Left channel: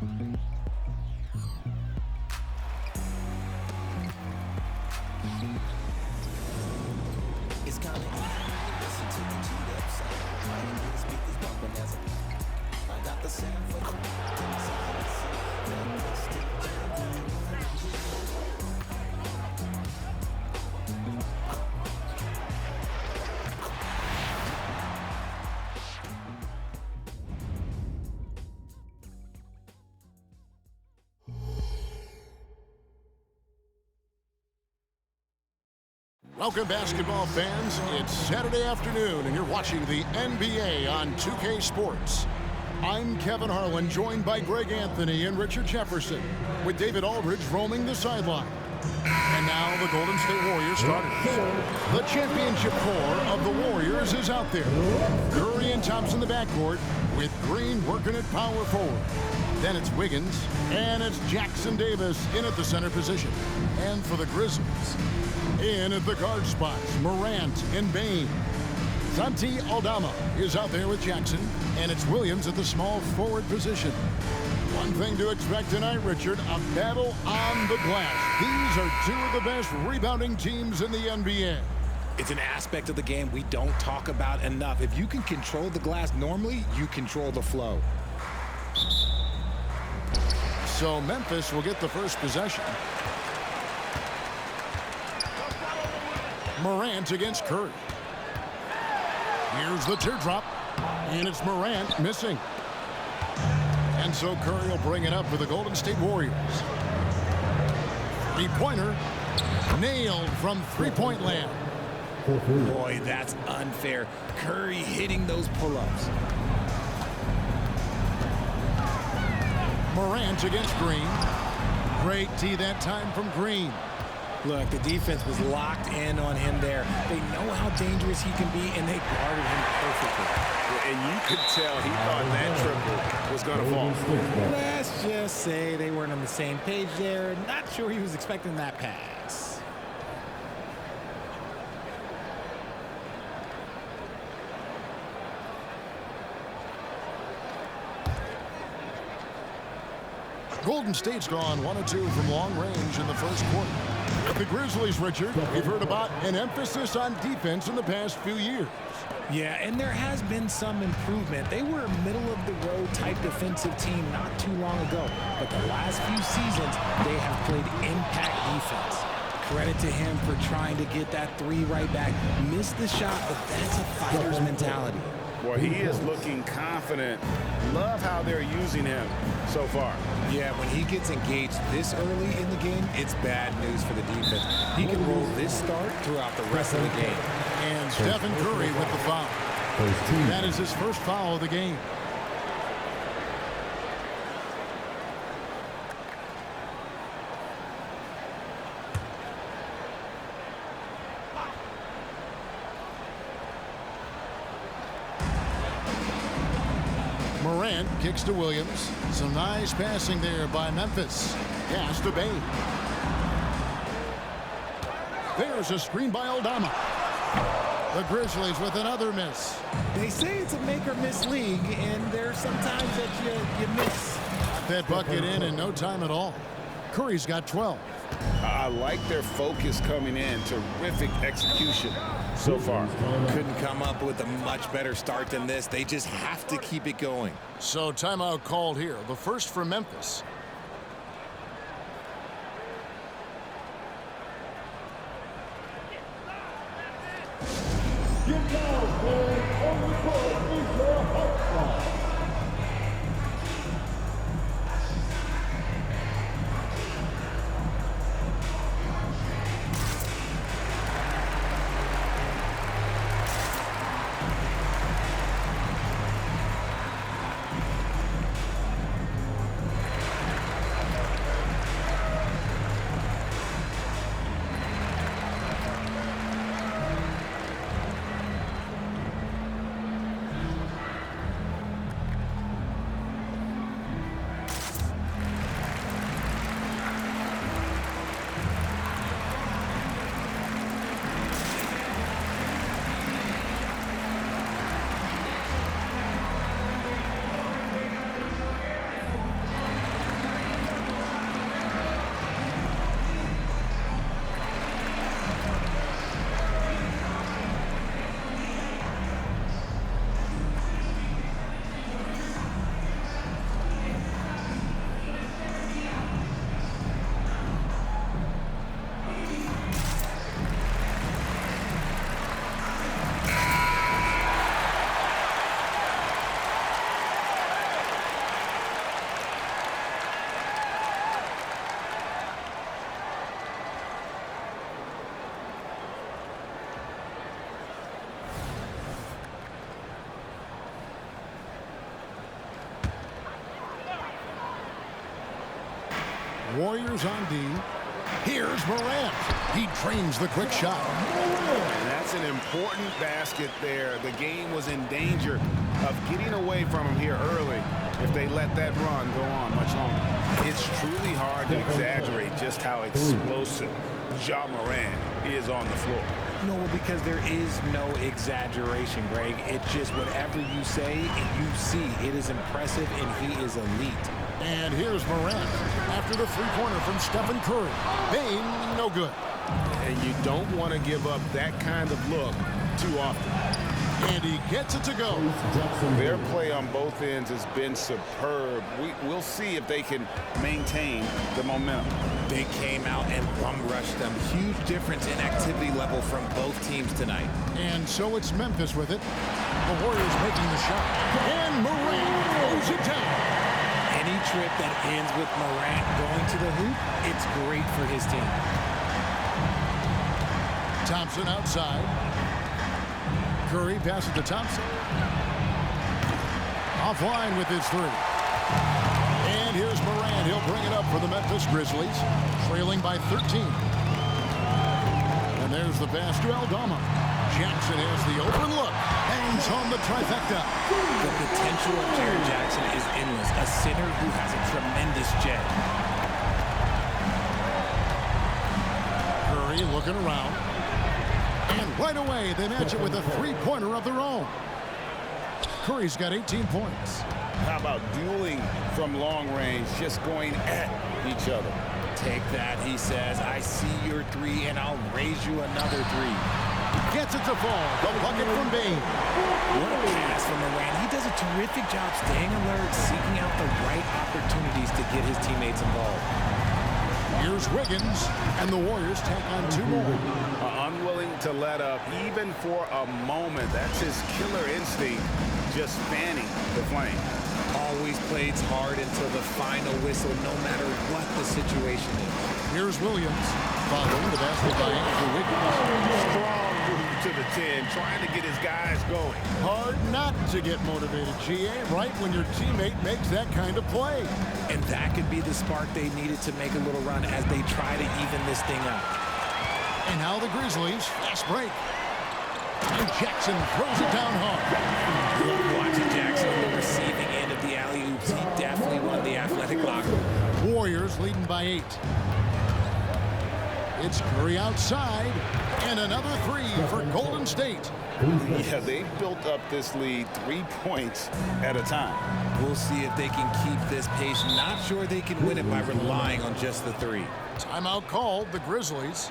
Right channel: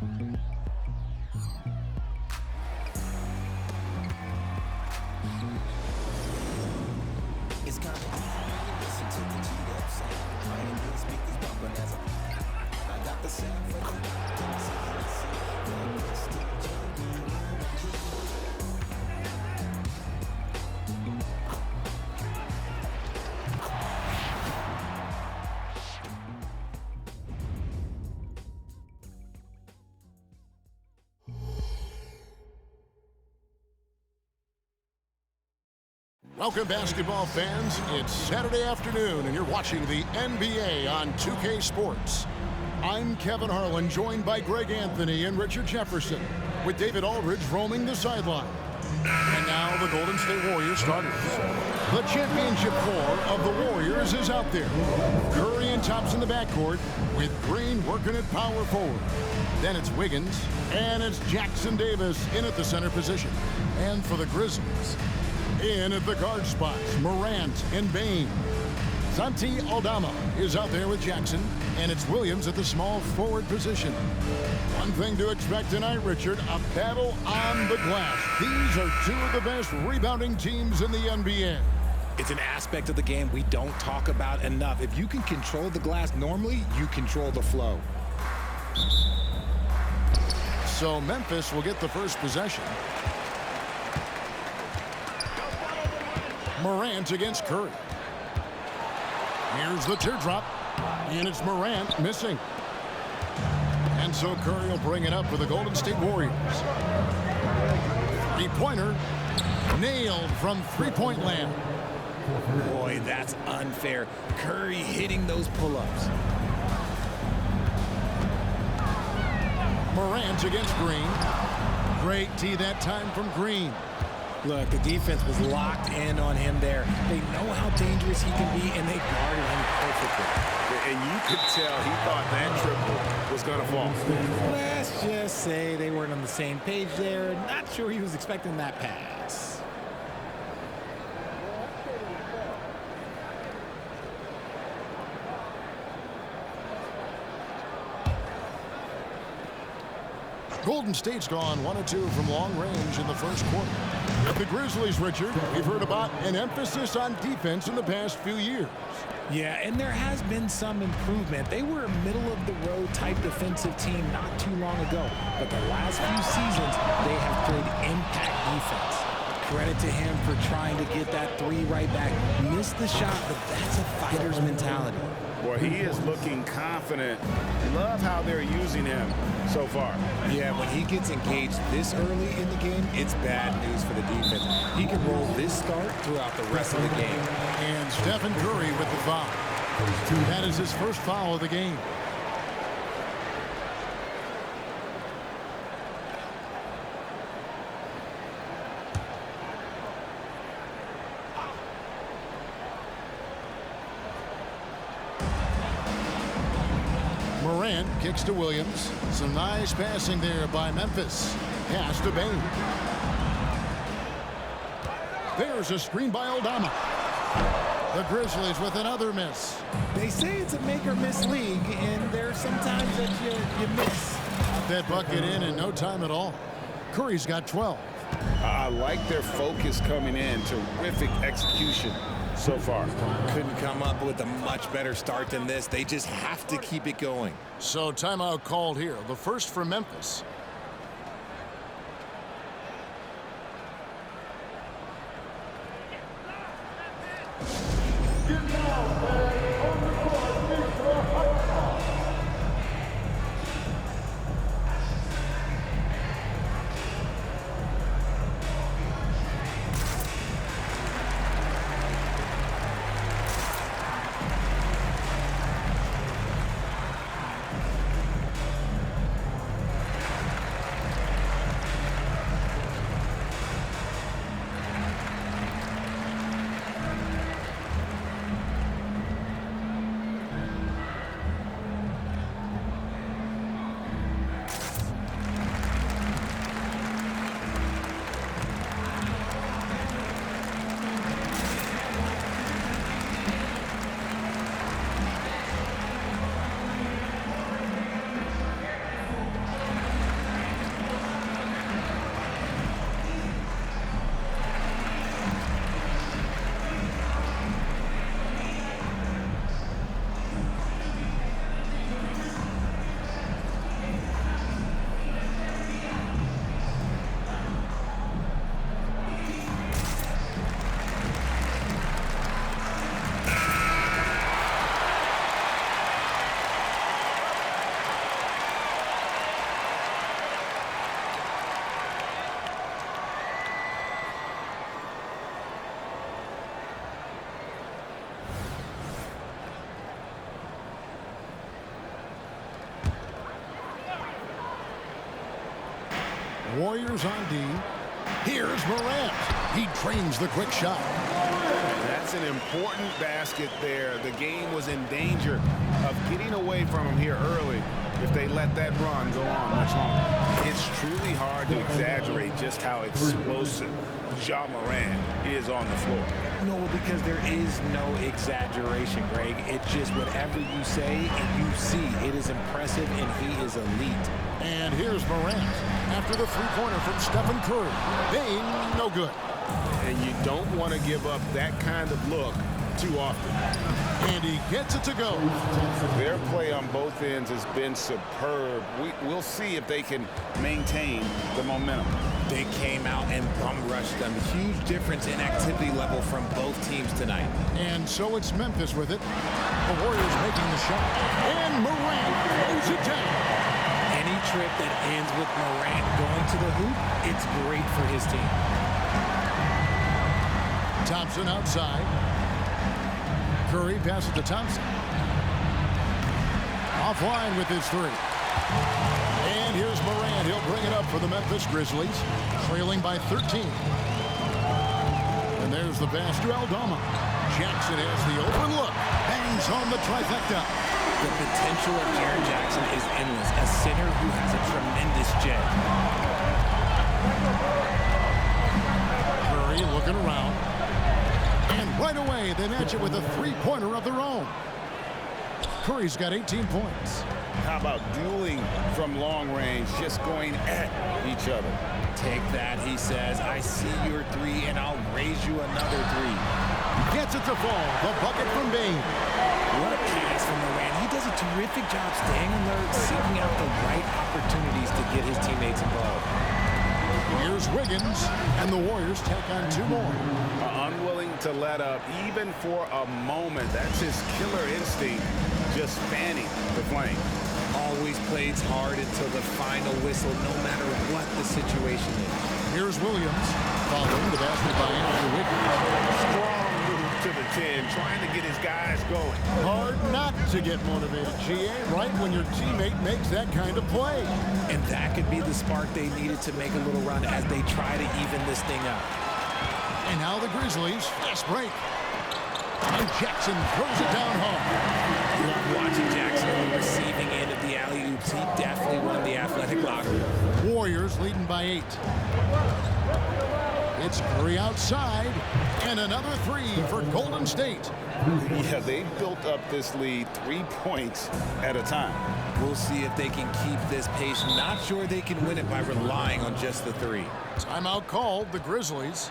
It's kinda easy when you listen to the G-Dep sound. Right in the speakers bumping as I got the sound for you. Welcome, basketball fans. It's Saturday afternoon, and you're watching the NBA on 2K Sports. I'm Kevin Harlan, joined by Greg Anthony and Richard Jefferson, with David Aldridge roaming the sideline. And now the Golden State Warriors starters. The championship core of the Warriors is out there. Curry and Thompson in the backcourt, with Green working at power forward. Then it's Wiggins, and it's Jackson Davis in at the center position. And for the Grizzlies, in at the guard spots, Morant and Bane. Santi Aldama is out there with Jackson, and it's Williams at the small forward position. One thing to expect tonight, Richard, a battle on the glass. These are two of the best rebounding teams in the NBA. It's an aspect of the game we don't talk about enough. If you can control the glass normally, you control the flow. So Memphis will get the first possession. Morant against Curry. Here's the teardrop, and it's Morant missing. And so Curry will bring it up for the Golden State Warriors. Three-pointer, nailed from three-point land. Boy, that's unfair. Curry hitting those pull-ups. Morant against Green. Great D that time from Green. Look, the defense was locked in on him there. They know how dangerous he can be, and they guarded him perfectly. And you could tell he thought that triple was going to fall. Let's just say they weren't on the same page there. Not sure he was expecting that pass. Golden State's gone 1 of 2 from long range in the first quarter. With the Grizzlies, Richard, we've heard about an emphasis on defense in the past few years. Yeah, and there has been some improvement. They were a middle-of-the-road type defensive team not too long ago. But the last few seasons, they have played impact defense. Credit to him for trying to get that three right back. Missed the shot, but that's a fighter's mentality. Boy, he is looking confident. Love how they're using him so far. Yeah, when he gets engaged this early in the game, it's bad news for the defense. He can roll this start throughout the rest of the game. And Stephen Curry with the foul. That is his first foul of the game. Morant kicks to Williams. Some nice passing there by Memphis. Pass to Bane. There's a screen by Aldama. The Grizzlies with another miss. They say it's a make-or-miss league, and there's sometimes that you miss. Got that bucket in no time at all. Curry's got 12. I like their focus coming in. Terrific execution so far. Couldn't come up with a much better start than this. They just have to keep it going. So timeout called here. The first for Memphis. Warriors on D. Here's Morant. He drains the quick shot. And that's an important basket there. The game was in danger of getting away from him here early if they let that run go on much longer. It's truly hard to exaggerate just how explosive Ja Morant is on the floor. No, because there is no exaggeration, Greg. It's just whatever you say and you see. It is impressive, and he is elite. And here's Morant after the three-pointer from Stephen Curry. Bane, no good. And you don't want to give up that kind of look too often. And he gets it to go. Their play on both ends has been superb. We'll see if they can maintain the momentum. They came out and bum rushed them. Huge difference in activity level from both teams tonight. And so it's Memphis with it. The Warriors making the shot. And Morant throws it down. Any trip that ends with Morant going to the hoop, it's great for his team. Thompson outside. Curry passes to Thompson. Offline with his three. And here's Morant. He'll bring it up for the Memphis Grizzlies, trailing by 13. And there's the pass to Aldama. Jackson has the open look. Bangs home the trifecta. The potential of Jaren Jackson is endless. A center who has a tremendous jet. Curry looking around. And right away, they match it with a three-pointer of their own. Curry's got 18 points. How about dueling from long range, just going at each other? Take that, he says. I see your three, and I'll raise you another three. Gets it to fall. The bucket from Bane. What a pass from Morant. He does a terrific job staying alert, seeking out the right opportunities to get his teammates involved. Here's Wiggins, and the Warriors tack on two more. Unwilling to let up, even for a moment. That's his killer instinct, just fanning the flame. Always plays hard until the final whistle, no matter what the situation is. Here's Williams, following the basket by Andrew Wiggins. Strong move to the 10, trying to get his guys going. Hard not to get motivated, GA, right when your teammate makes that kind of play. And that could be the spark they needed to make a little run as they try to even this thing up. And now the Grizzlies, fast break. And Jackson throws it down hard. Love watching Jackson on the receiving end of the alley-oops. He definitely won the athletic locker room. Warriors leading by 8. It's Curry outside. And another three for Golden State. Yeah, they've built up this lead 3 points at a time. We'll see if they can keep this pace. Not sure they can win it by relying on just the three. Timeout called, the Grizzlies.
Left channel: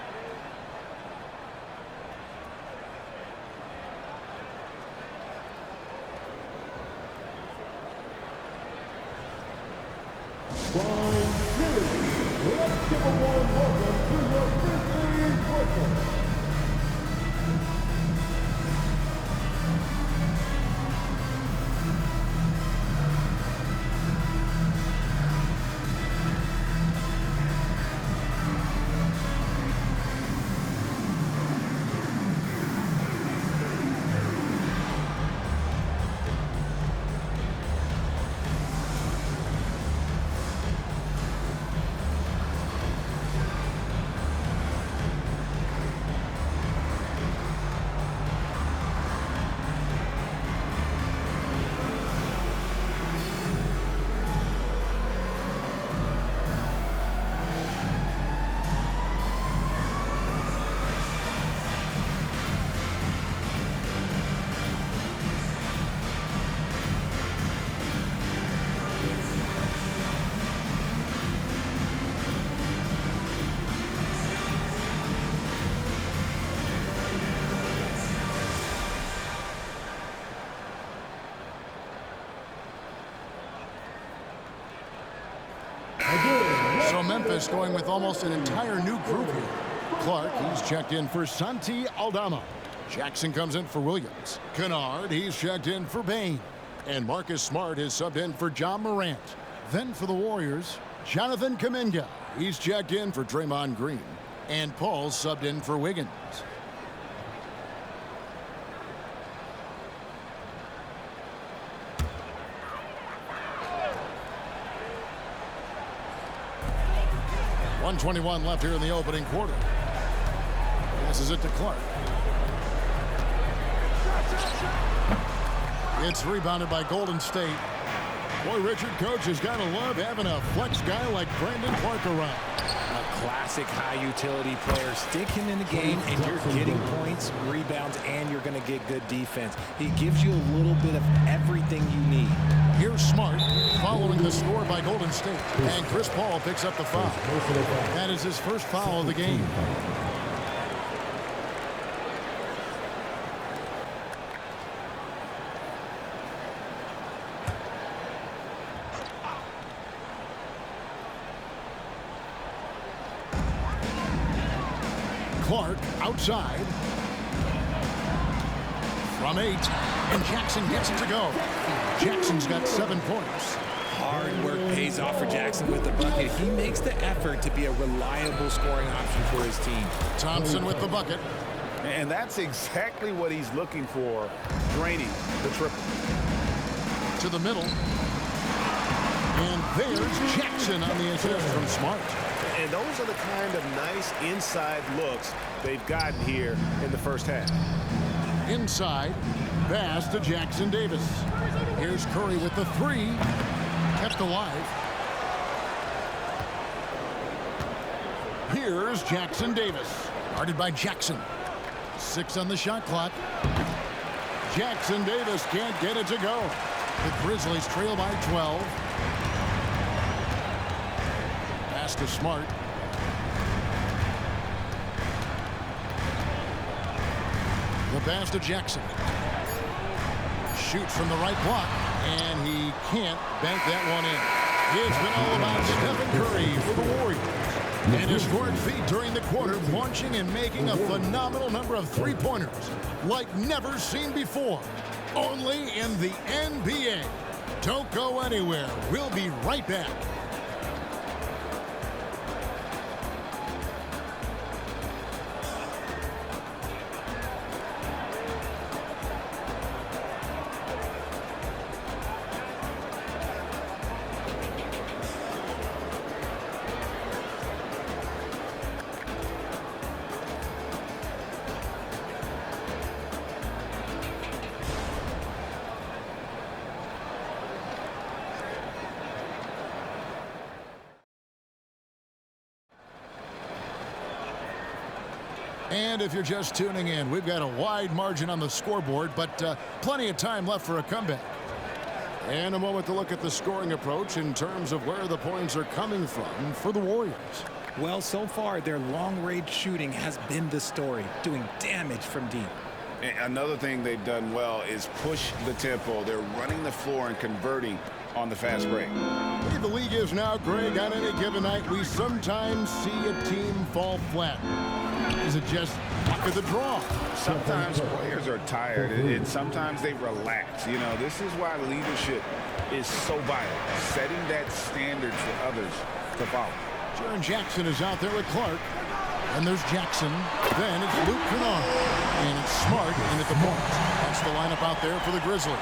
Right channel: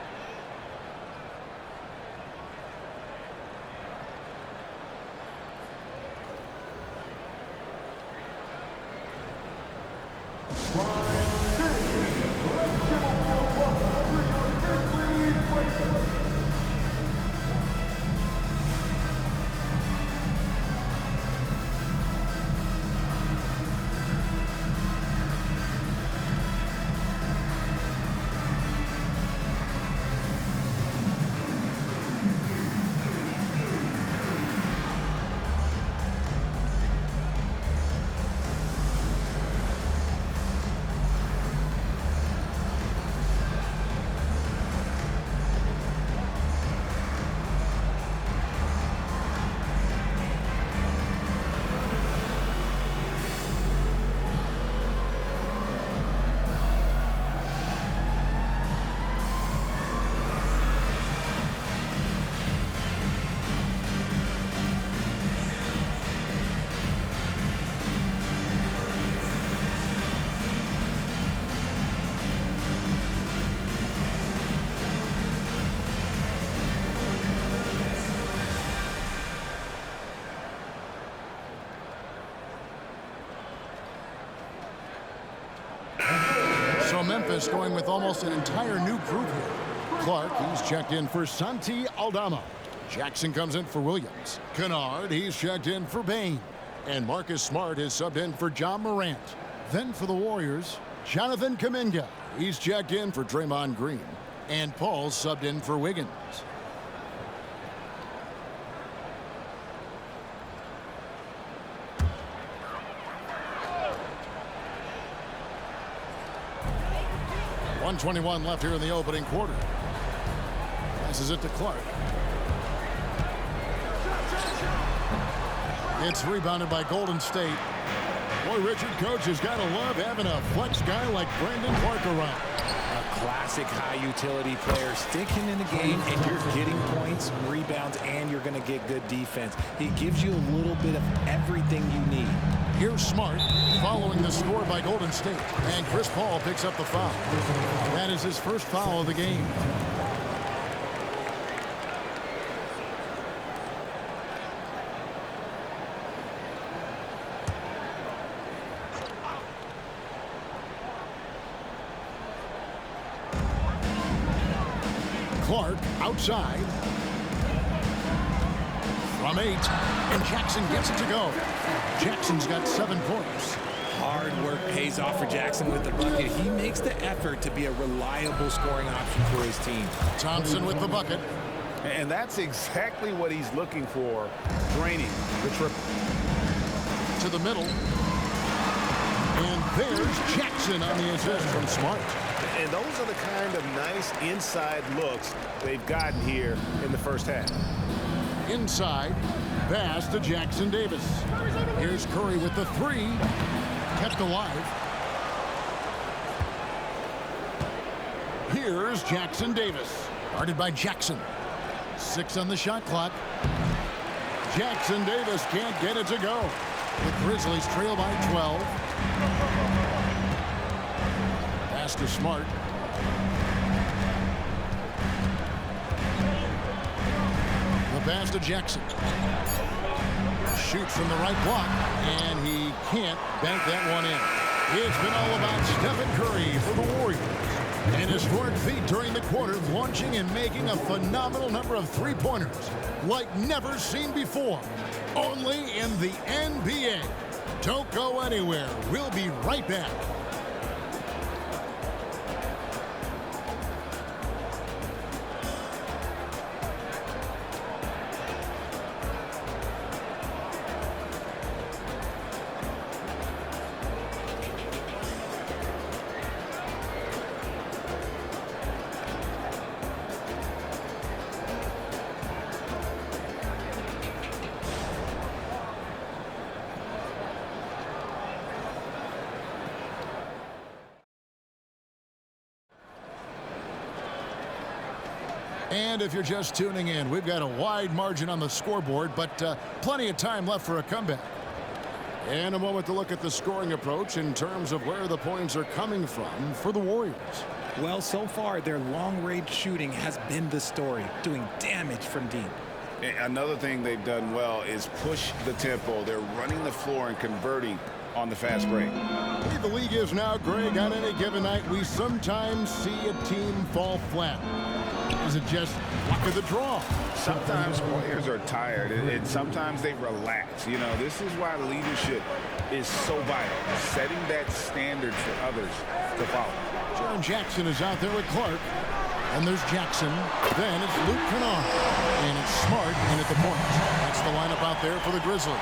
So Memphis going with almost an entire new group here. Clark, he's checked in for Santi Aldama. Jackson comes in for Williams. Kennard, he's checked in for Bane. And Marcus Smart is subbed in for John Morant. Then for the Warriors, Jonathan Kuminga. He's checked in for Draymond Green. And Paul's subbed in for Wiggins. 1:21 left here in the opening quarter. Passes it to Clark. It's rebounded by Golden State. Boy, Richard, coach has got to love having a flex guy like Brandon Clark around. A classic high-utility player. Stick him in the game, and you're getting points, rebounds, and you're going to get good defense. He gives you a little bit of everything you need. Here's Smart following the score by Golden State. And Chris Paul picks up the foul. That is his first foul of the game. Clark outside. From 8. And Jackson gets it to go. Jackson's got 7 points. Hard work pays off for Jackson with the bucket. He makes the effort to be a reliable scoring option for his team. Thompson with the bucket. And that's exactly what he's looking for, draining the triple. To the middle. And there's Jackson on the assist from Smart. And those are the kind of nice inside looks they've gotten here in the first half. Inside, pass to Jackson Davis. Here's Curry with the 3. Kept alive. Here's Jackson Davis. Guarded by Jackson. 6 on the shot clock. Jackson Davis can't get it to go. The Grizzlies trail by 12. Pass to Smart. The pass to Jackson. Shoots from the right block, and he can't bank that one in. It's been all about Stephen Curry for the Warriors. An historic feat during the quarter, launching and making a phenomenal number of three-pointers like never seen before. Only in the NBA. Don't go anywhere. We'll be right back. And if you're just tuning in, we've got a wide margin on the scoreboard, but plenty of time left for a comeback. And a moment to look at the scoring approach in terms of where the points are coming from for the Warriors. Well, so far, their long-range shooting has been the story, doing damage from deep. Another thing they've done well is push the tempo. They're running the floor and converting on the fast break. The way the league is now, Greg, on any given night, we sometimes see a team fall flat. Is it just luck of the draw? Sometimes players are tired, and sometimes they relax. You know, this is why leadership is so vital, setting that standard for others to follow. Jaren Jackson is out there with Clark. And there's Jackson. Then it's Luke Kennard. And it's Smart in at the point. That's the lineup out there for the Grizzlies.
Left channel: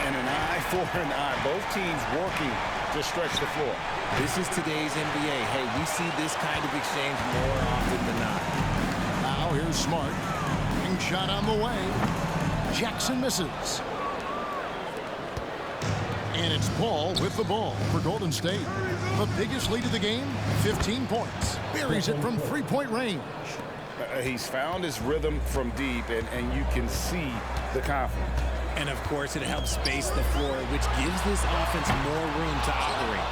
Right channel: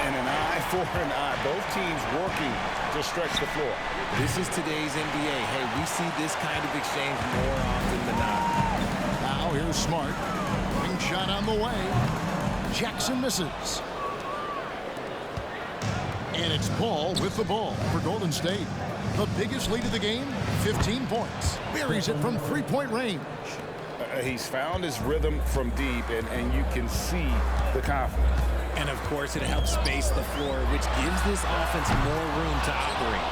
And an eye for an eye. Both teams working to stretch the floor. This is today's NBA. Hey, we see this kind of exchange more often than not. Now here's Smart. Ring shot on the way. Jackson misses. And it's Paul with the ball for Golden State. The biggest lead of the game, 15 points. Buries it from three-point range. He's found his rhythm from deep, and you can see the confidence. And, of course, it helps space the floor, which gives this offense more room to operate.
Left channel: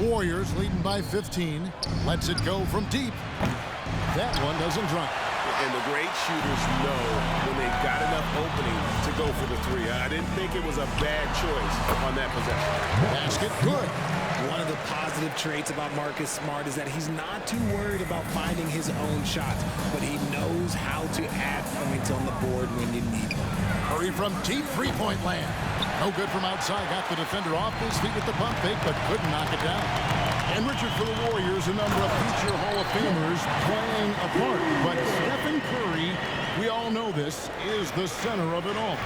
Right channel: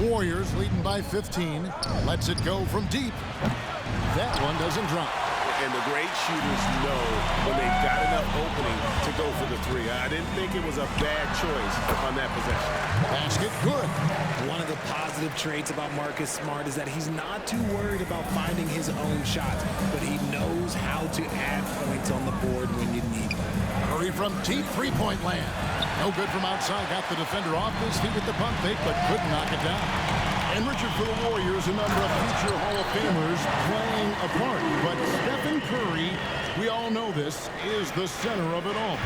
Warriors leading by 15. Lets it go from deep. That one doesn't drop. And the great shooters know when they've got enough opening to go for the three. I didn't think it was a bad choice on that possession. Basket good. One of the positive traits about Marcus Smart is that he's not too worried about finding his own shots, but he knows how to add points on the board when you need them. Curry from deep three-point land. No good from outside. Got the defender off his feet with the pump fake, but couldn't knock it down. And Richard, for the Warriors, a number of future Hall of Famers playing a part. But Stephen Curry, we all know this, is the center of it all.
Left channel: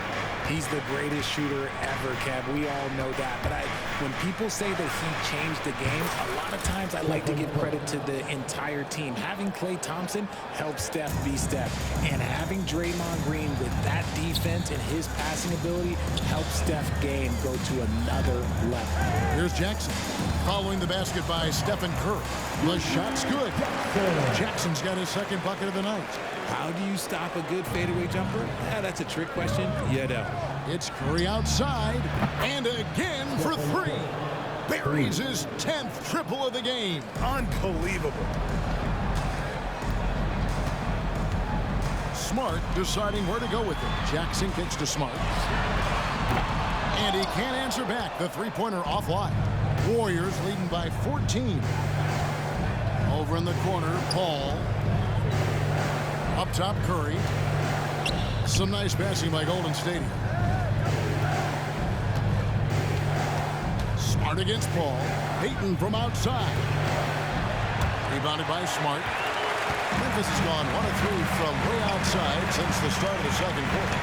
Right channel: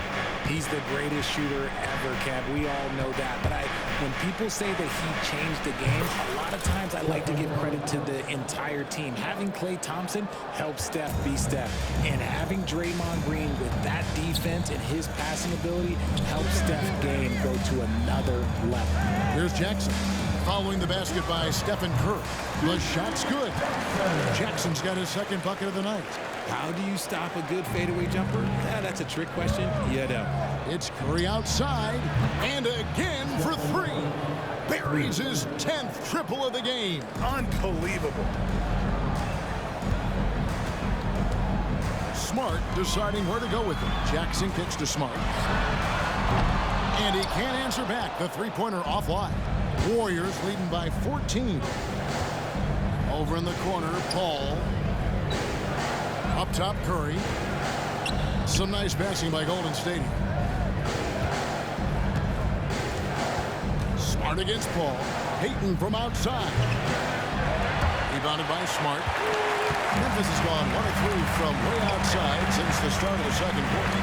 He's the greatest shooter ever, Kev. We all know that. But I When people say that he changed the game, a lot of times I like to give credit to the entire team. Having Klay Thompson help Steph be Steph, and having Draymond Green with that defense and his passing ability helps Steph's game go to another level. Here's Jackson. Following the basket by Stephen Curry. The shot's good. Jackson's got his second bucket of the night. How do you stop a good fadeaway jumper? Yeah, that's a trick question. You know. It's Curry outside, and again for three. Buries his 10th triple of the game. Unbelievable. Smart deciding where to go with it. Jackson kicks to Smart. And he can't answer back. The three-pointer offline. Warriors leading by 14. Over in the corner, Paul. Up top, Curry. Some nice passing by Golden State. Smart against Paul. Payton from outside. Rebounded by Smart. Memphis has gone 1 of 3 from way outside since the start of the second quarter.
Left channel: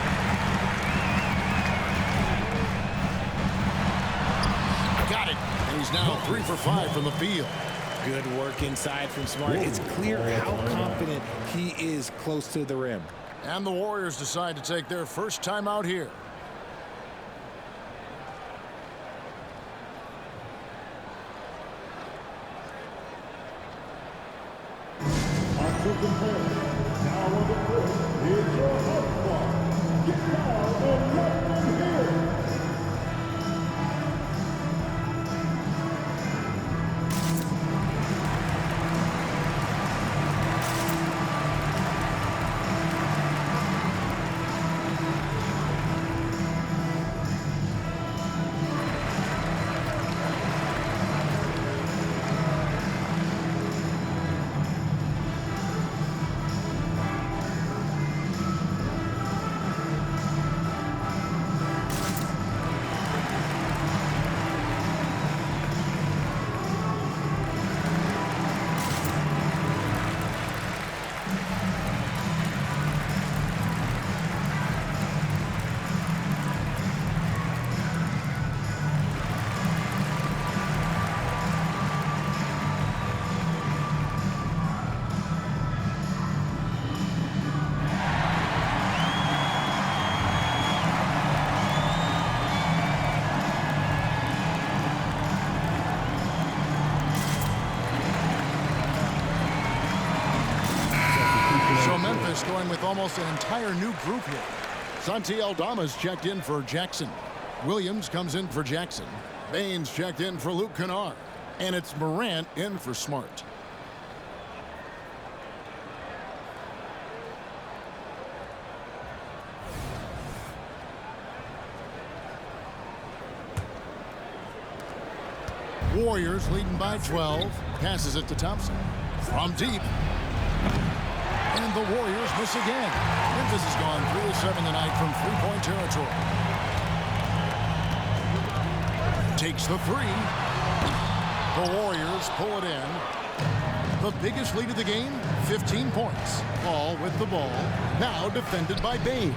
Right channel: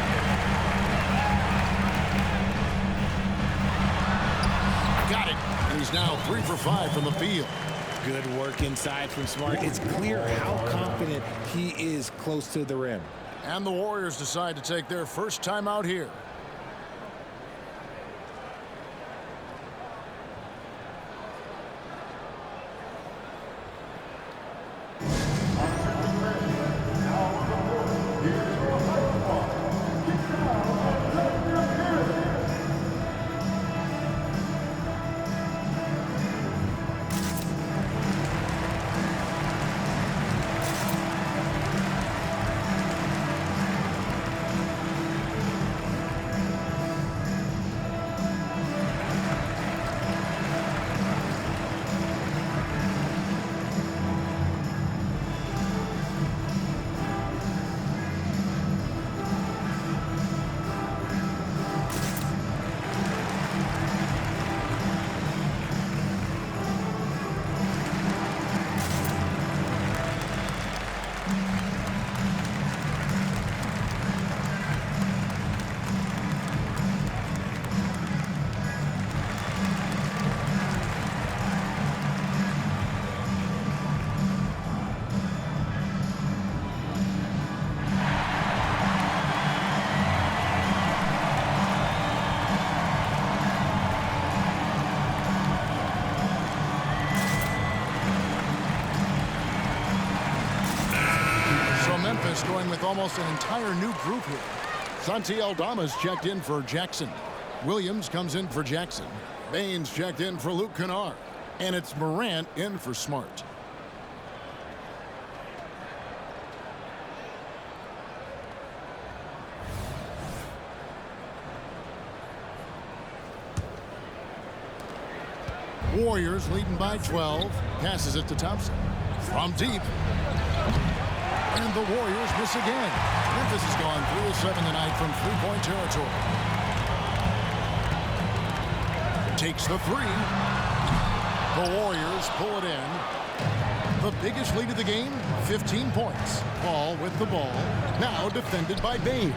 Got it. And he's now 3 for 5 from the field. Good work inside from Smart. It's clear how confident he is close to the rim. And the Warriors decide to take their first time out here. So Memphis going with almost an entire new group here. Santi Aldama's checked in for Jackson. Williams comes in for Jackson. Baines checked in for Luke Kennard. And it's Morant in for Smart. Warriors leading by 12. Passes it to Thompson. From deep. And the Warriors miss again. Memphis has gone 3 of 7 tonight from three-point territory. Takes the three. The Warriors pull it in. The biggest lead of the game, 15 points. Paul with the ball. Now defended by Bain.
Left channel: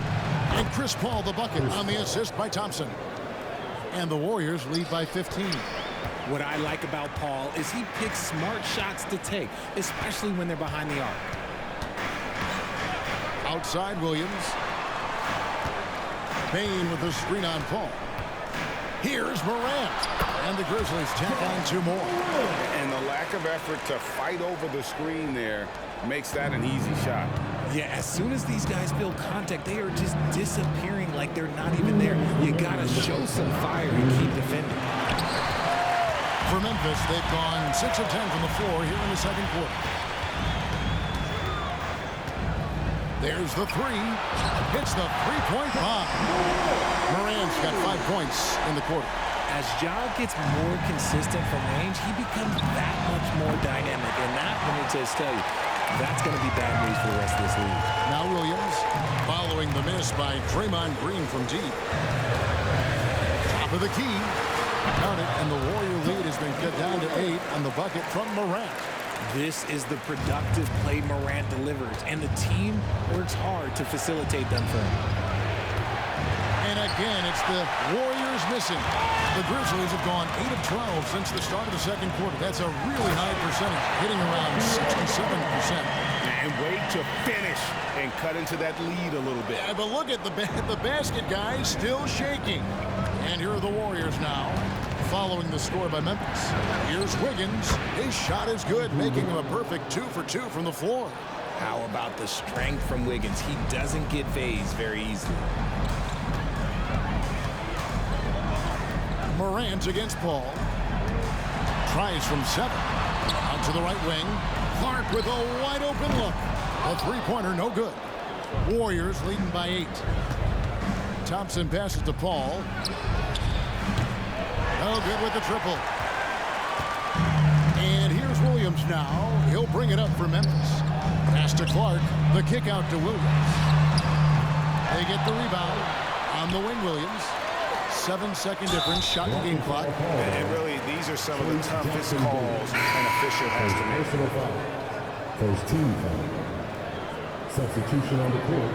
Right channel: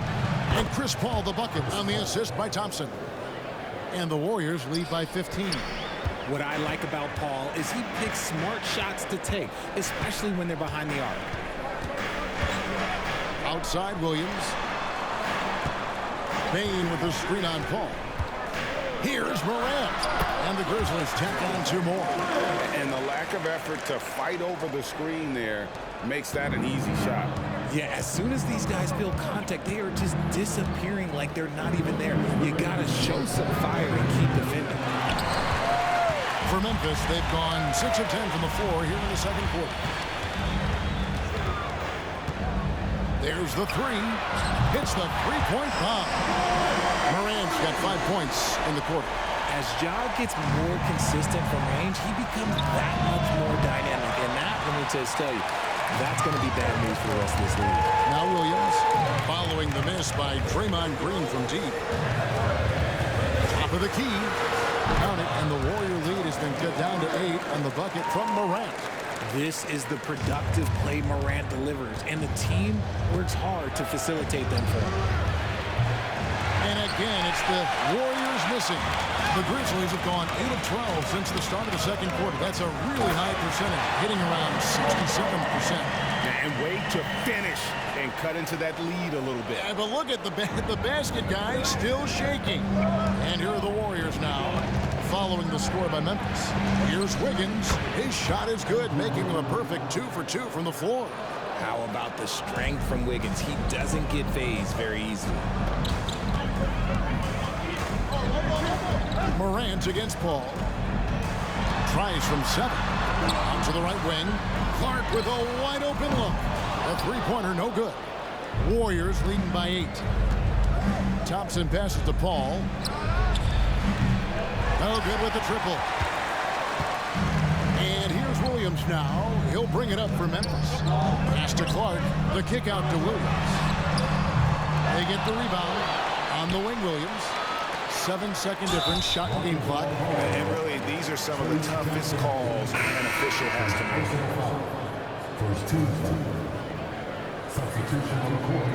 And Chris Paul the bucket on the assist by Thompson. And the Warriors lead by 15. What I like about Paul is he picks smart shots to take, especially when they're behind the arc. Outside Williams. Bain with the screen on Paul. Here's Morant. And the Grizzlies tack on 2 more. And the lack of effort to fight over the screen there makes that an easy shot. Yeah, as soon as these guys feel contact, they are just disappearing like they're not even there. You got to show some fire and keep defending. For Memphis, they've gone 6 of 10 from the floor here in the second quarter. There's the three. Hits the three-point bomb. Morant's got 5 points in the quarter. As Ja gets more consistent from range, he becomes that much more dynamic. And that, let me just tell you, that's going to be bad news for the rest of this league. Now Williams, following the miss by Draymond Green from deep. Top of the key. Count it, and the Warrior lead has been cut down to 8 on the bucket from Morant. This is the productive play Morant delivers, and the team works hard to facilitate them for him. And again, it's the Warriors missing. The Grizzlies have gone 8 of 12 since the start of the second quarter. That's a really high percentage, hitting around 67%. And wait to finish and cut into that lead a little bit. Yeah, but look at the basket, guys, still shaking. And here are the Warriors now, following the score by Memphis. Here's Wiggins. His shot is good, making him a perfect 2 for 2 from the floor. How about the strength from Wiggins? He doesn't get phased very easily. Morant against Paul. Tries from 7. Out to the right wing. Clark with a wide open look. A three-pointer, no good. Warriors leading by 8. Thompson passes to Paul. No good with the triple. And here's Williams now. He'll bring it up for Memphis. Pass to Clark. The kick out to Williams. They get the rebound on the wing, Williams. 7-second difference, shot and game clock. And really, these are some of the toughest calls an official has to make. First team foul. Substitution on the court.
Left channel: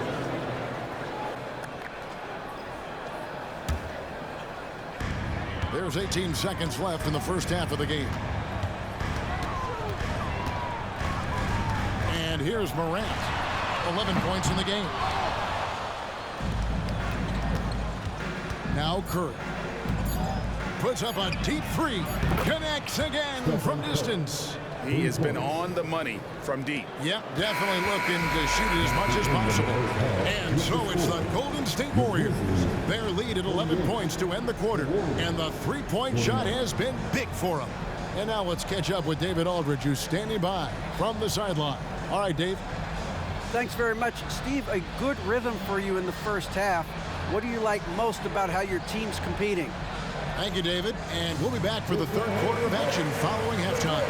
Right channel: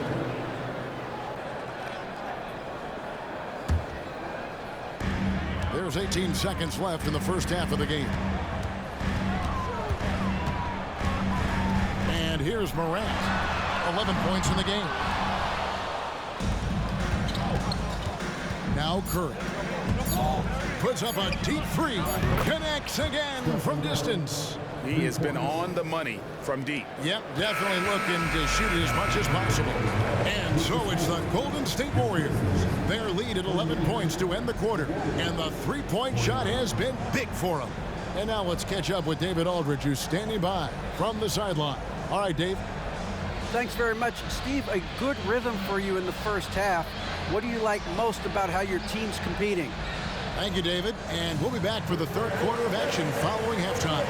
There's 18 seconds left in the first half of the game. And here's Morant. 11 points in the game. Now Curry. Puts up a deep three. Connects again from distance. He has been on the money from deep. Yep, definitely looking to shoot it as much as possible. And so it's the Golden State Warriors. Their lead at 11 points to end the quarter. And the three-point shot has been big for them. And now let's catch up with David Aldridge, who's standing by from the sideline. All right, Dave. Thanks very much. Steve, a good rhythm for you in the first half. What do you like most about how your team's competing? Thank you, David. And we'll be back for the third quarter of action following halftime.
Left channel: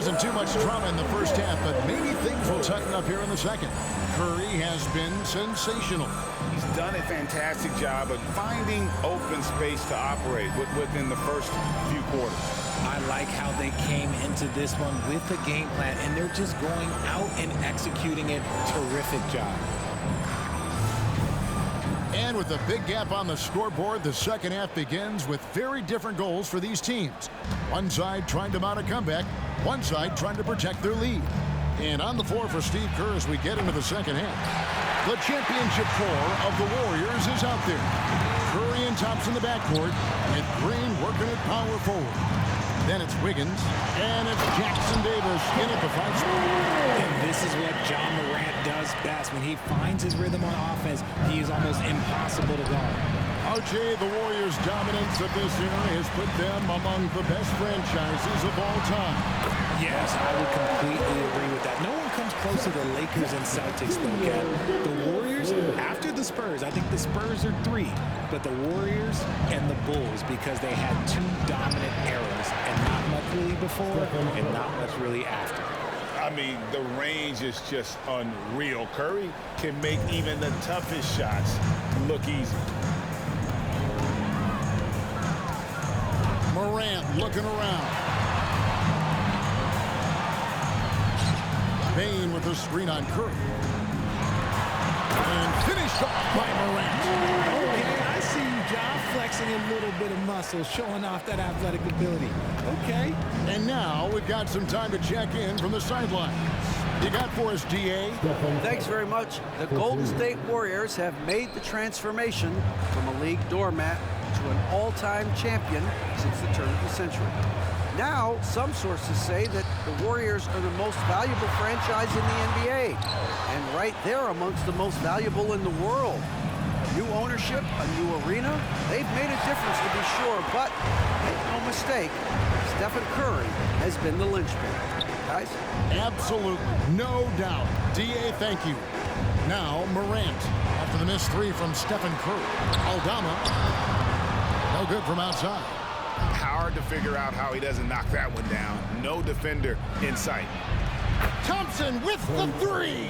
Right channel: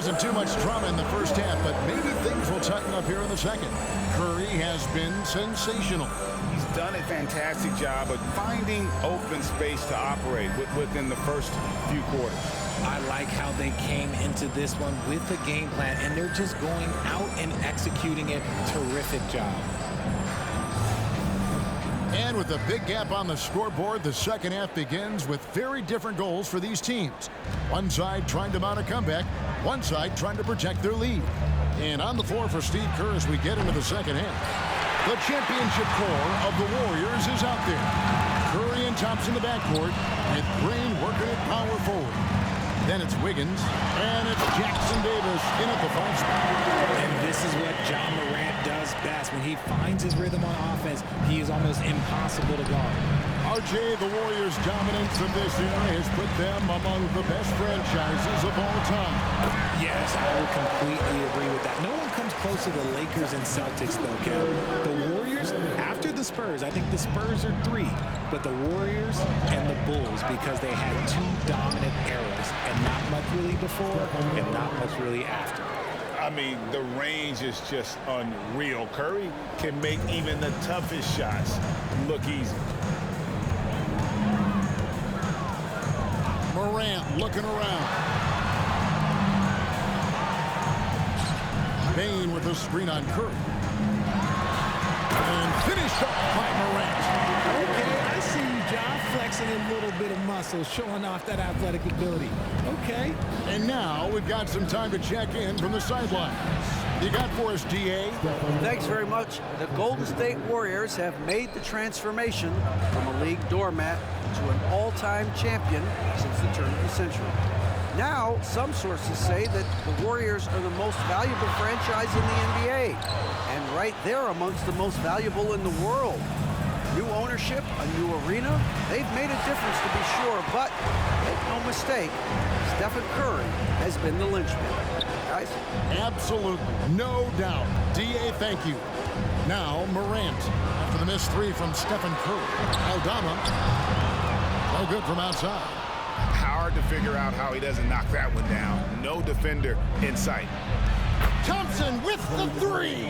Wasn't too much drama in the first half, but maybe things will tighten up here in the second. Curry has been sensational. He's done a fantastic job of finding open space to operate within the first few quarters. I like how they came into this one with a game plan, and they're just going out and executing it. Terrific job. And with a big gap on the scoreboard, the second half begins with very different goals for these teams. One side trying to mount a comeback, one side trying to protect their lead. And on the floor for Steve Kerr as we get into the second half. The championship core of the Warriors is out there. Curry and Thompson in the backcourt with Green working at power forward. Then it's Wiggins, and it's Jackson Davis in at the 5 spot. And this is what John Morant does best. When he finds his rhythm on offense, he is almost impossible to guard. RJ, the Warriors' dominance of this era has put them among the best franchises of all time. Yes, I would completely agree with that. No one comes close to the Lakers and Celtics, though, Kev. The Warriors, after the Spurs, I think the Spurs are 3, but the Warriors and the Bulls, because they had 2 dominant eras, and not much really before and not much really after. I mean, the range is just unreal. Curry can make even the toughest shots look easy. Morant looking around. Bain with a screen on Curry. And finished off by Morant. Okay, I see you, John, flexing a little bit of muscle, showing off that athletic ability. Okay. And now we've got some time to check in from the sidelines. You got for us, DA? Thanks very much. The Golden State Warriors have made the transformation from a league doormat to an all-time champion since the turn of the century. Now, some sources say that the Warriors are the most valuable franchise in the NBA, and right there amongst the most valuable in the world. New ownership, a new arena, they've made a difference to be sure, but make no mistake, Stephen Curry has been the linchpin. Guys? Absolutely, no doubt. DA, thank you. Now, Morant, after the missed 3 from Stephen Curry. Aldama, no good from outside. Hard to figure out how he doesn't knock that one down. No defender in sight. Thompson with the 3.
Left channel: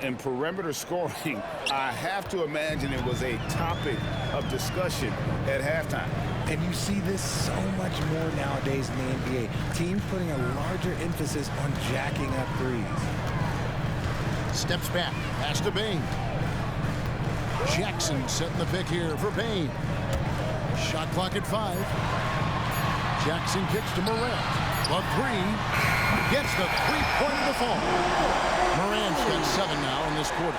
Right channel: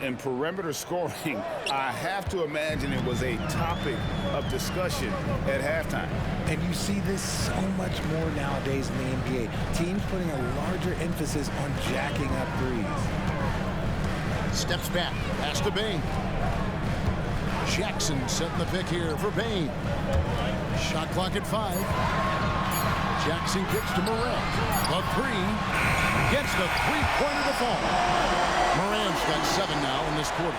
In perimeter scoring, I have to imagine it was a topic of discussion at halftime. And you see this so much more nowadays in the NBA. Teams putting a larger emphasis on jacking up threes. Steps back, pass to Bain. Jackson setting the pick here for Bain. Shot clock at 5. Jackson kicks to Morant. The 3 gets the 3-pointer to fall. Morant's got 7 now in this quarter.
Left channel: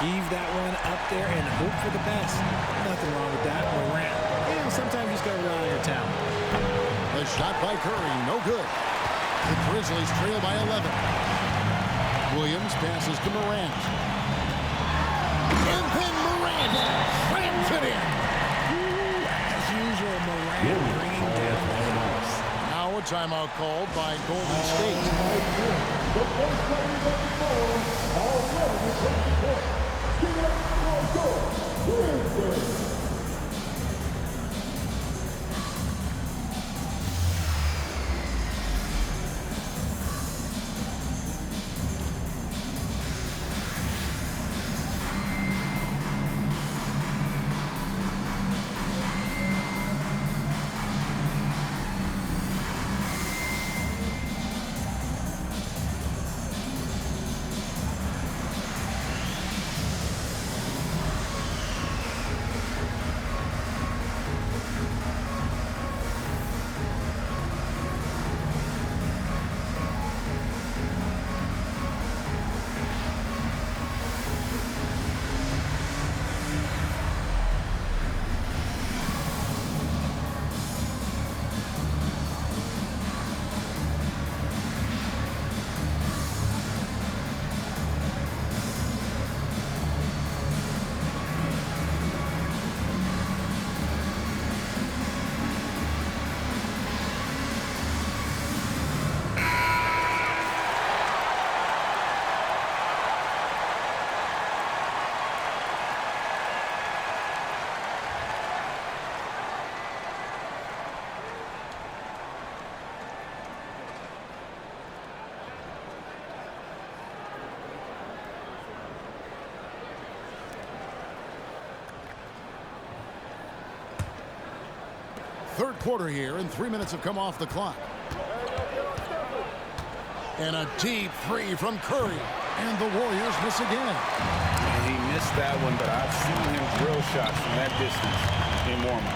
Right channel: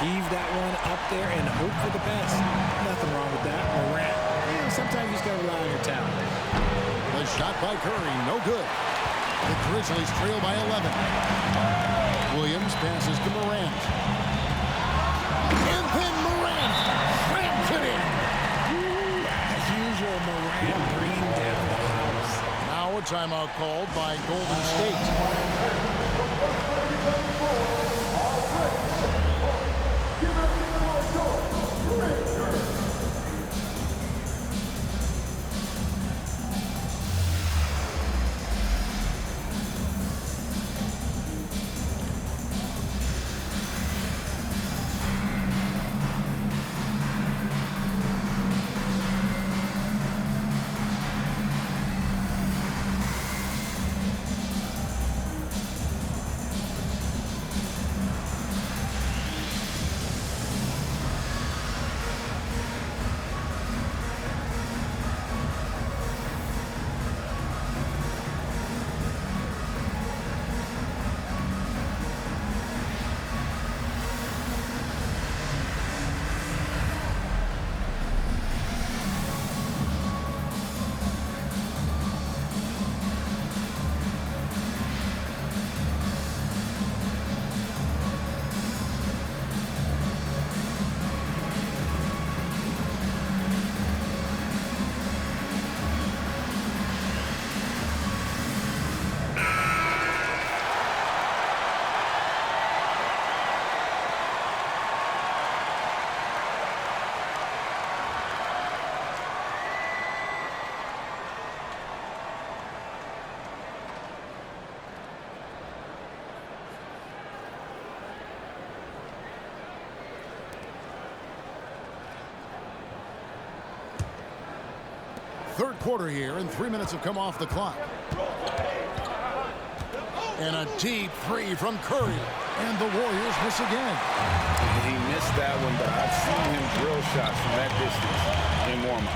Heave that one up there and hope for the best. Nothing wrong with that. Morant, sometimes you just got to rely on your talent. The shot by Curry, no good. The Grizzlies trail by 11. Williams passes to Morant. And then Morant slams it in. As usual, Morant bringing down the house. Now a timeout called by Golden State. Third quarter here, and 3 minutes have come off the clock. And a deep three from Curry. And the Warriors miss again. And he missed that one, but I've seen him drill shots from that distance in warm-up.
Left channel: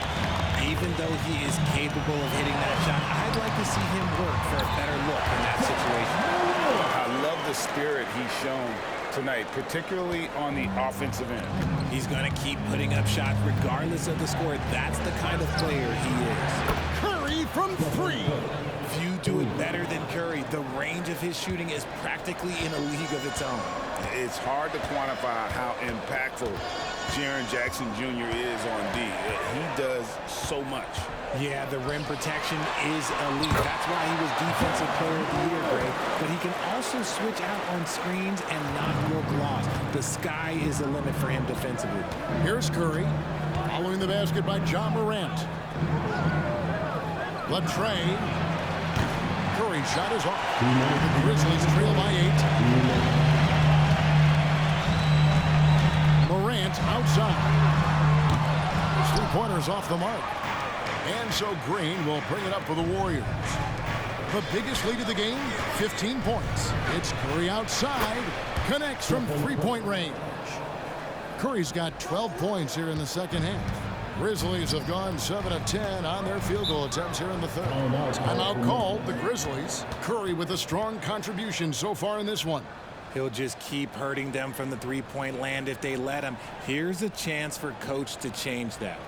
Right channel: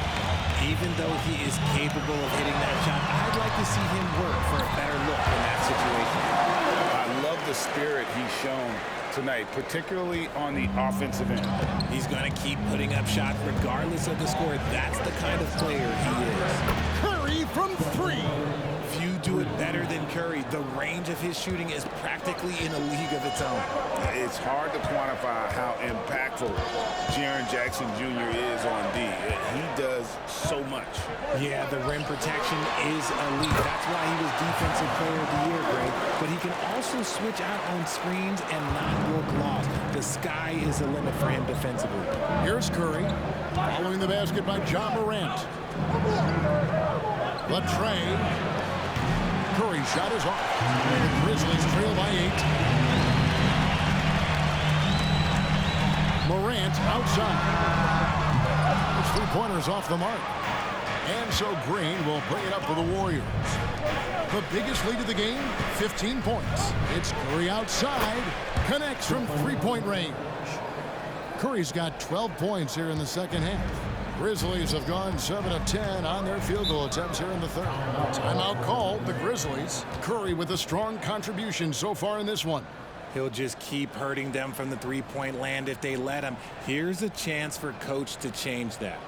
Even though he is capable of hitting that shot, I'd like to see him work for a better look in that situation. I love the spirit he's shown tonight, particularly on the offensive end. He's going to keep putting up shots regardless of the score. That's the kind of player he is. Curry from three. Few do it better than Curry. The range of his shooting is practically in a league of its own. It's hard to quantify how impactful Jaren Jackson Jr. is on D. He does so much. Yeah, the rim protection is elite. That's why he was Defensive Player of the Year, Gray. But he can also switch out on screens and not look lost. The sky is the limit for him defensively. Here's Curry, following the basket by John Morant. Latrey. Curry's shot is off. The Grizzlies trail by 8. Morant outside. His three-pointer's off the mark. And so Green will bring it up for the Warriors. The biggest lead of the game, 15 points. It's Curry outside. Connects from three-point range. Curry's got 12 points here in the second half. Grizzlies have gone 7 of 10 on their field goal attempts here in the third. Timeout called, the Grizzlies. Curry with a strong contribution so far in this one. He'll just keep hurting them from the three-point land if they let him. Here's a chance for Coach to change that.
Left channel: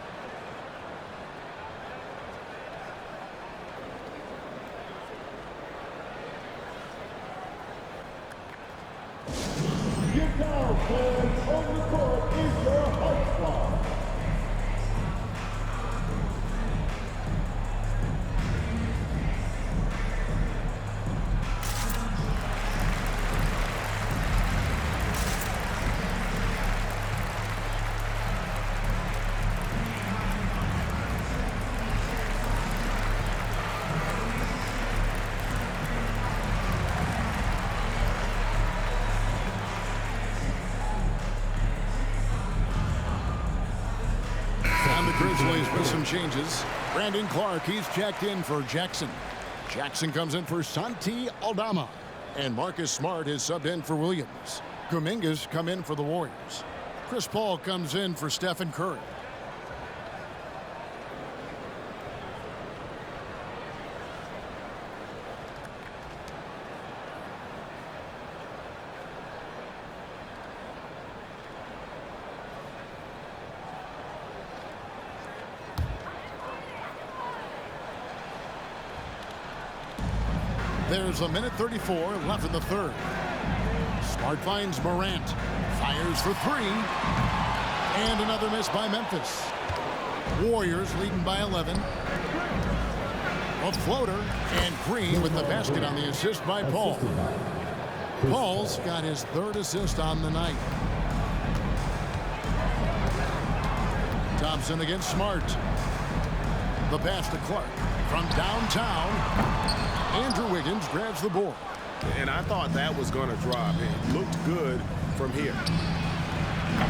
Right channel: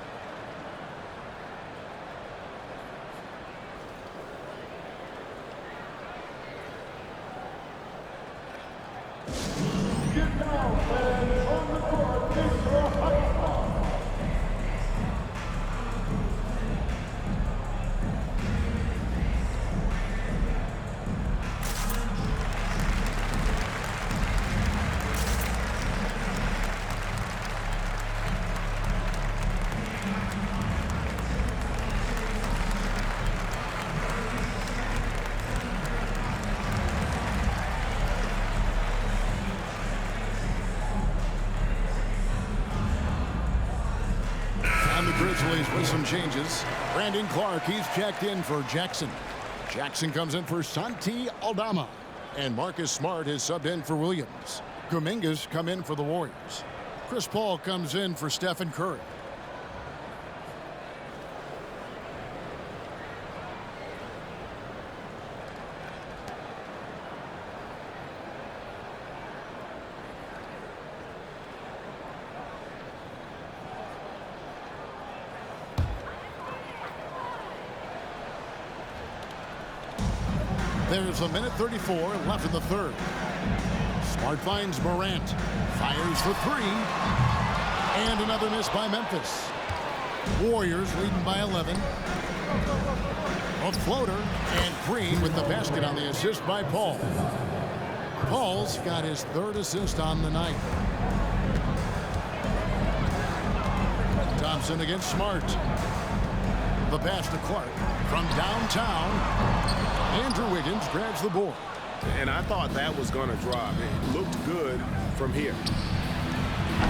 Get down, fans. On the court is your high spot. And the Grizzlies with some changes. Brandon Clark, he's checked in for Jackson. Jackson comes in for Santi Aldama. And Marcus Smart is subbed in for Williams. Kuminga's come in for the Warriors. Chris Paul comes in for Stephen Curry. There's a minute 34 left in the third. Smart finds Morant. Fires for three. And another miss by Memphis. Warriors leading by 11. A floater. And Green with the basket on the assist by Paul. Paul's got his third assist on the night. Thompson against Smart. The pass to Clark from downtown. Andrew Wiggins grabs the board. And I thought that was going to drop. It looked good from here.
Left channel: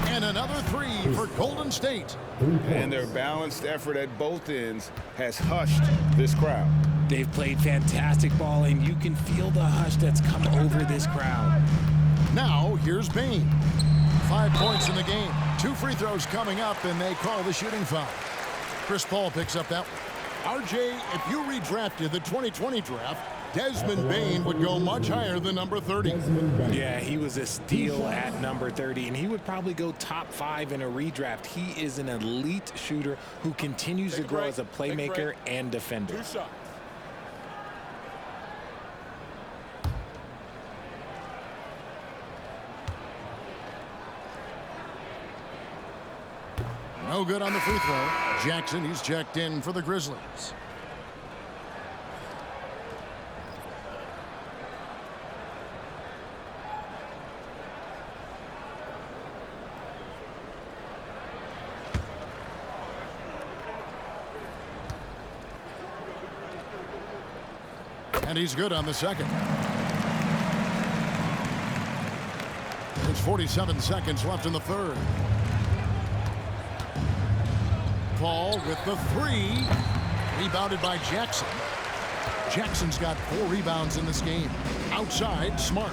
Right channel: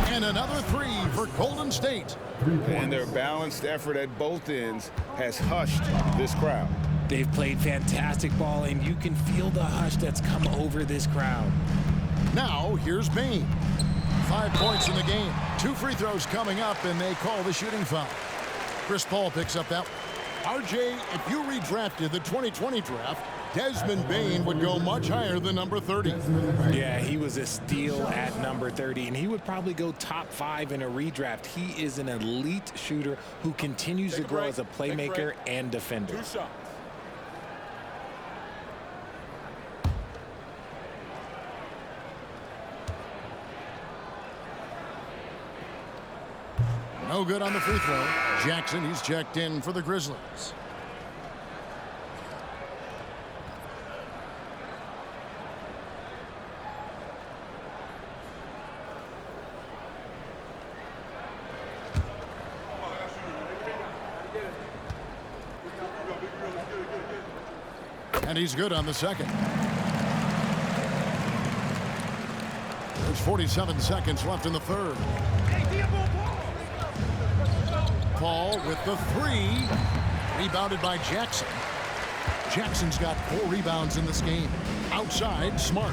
And another three for Golden State. And their balanced effort at both ends has hushed this crowd. They've played fantastic ball, and you can feel the hush that's come over this crowd. Now, here's Bain. 5 points in the game. 2 free throws coming up, and they call the shooting foul. Chris Paul picks up that one. RJ, if you redrafted the 2020 draft, Desmond Bain would go much higher than number 30. Yeah, he was a steal at number 30, and he would probably go top 5 in a redraft. He is an elite shooter who continues to grow as a playmaker and defender. 2 shots. No good on the free throw. Jackson, he's checked in for the Grizzlies. And he's good on the second. There's 47 seconds left in the third. Paul with the three. Rebounded by Jackson. Jackson's got 4 rebounds in this game. Outside, Smart.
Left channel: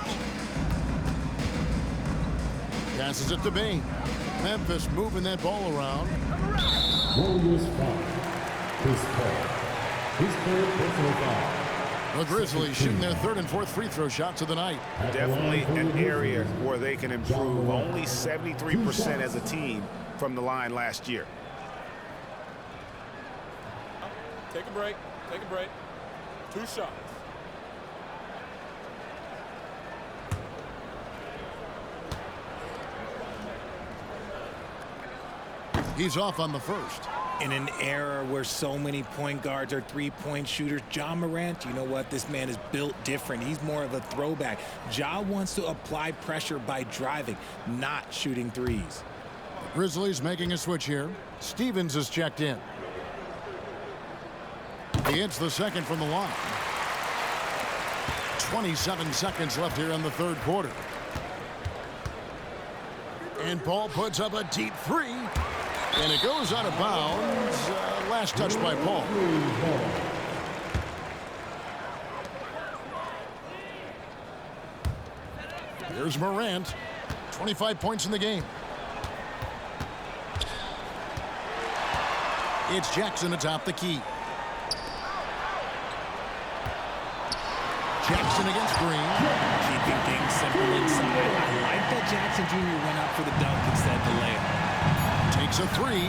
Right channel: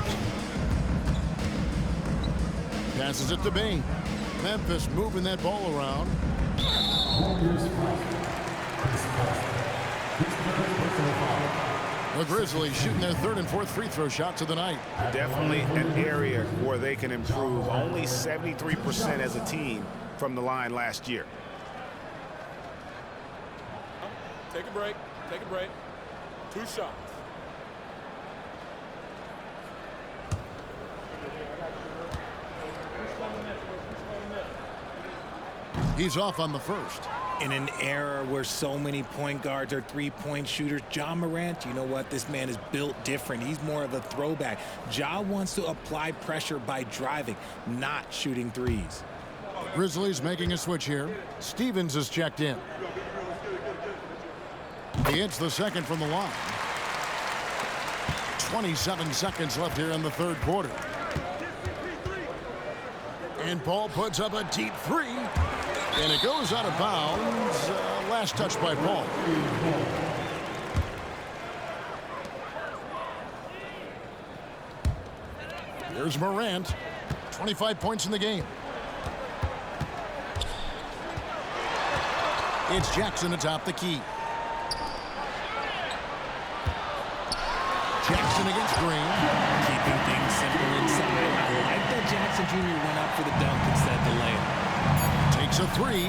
Passes it to Bain. Memphis moving that ball around. Warriors foul. Chris Paul. His third personal foul. The Grizzlies shooting their 3rd and 4th free throw shots of the night. Definitely an area where they can improve. Only 73% as a team from the line last year. Take a break. Take a break. 2 shots. He's off on the first. In an era where so many point guards are three-point shooters, Ja Morant, you know what? This man is built different. He's more of a throwback. Ja wants to apply pressure by driving, not shooting threes. The Grizzlies making a switch here. Stevens is checked in. He hits the second from the line. 27 seconds left here in the 3rd quarter. And Paul puts up a deep 3. And it goes out of bounds. Last touch by Paul. Here's Morant. 25 points in the game. It's Jackson atop the key. Jackson against Green. Keeping things simple inside. I like that Jackson Jr. went up for the dunk instead of the layup. Takes a 3.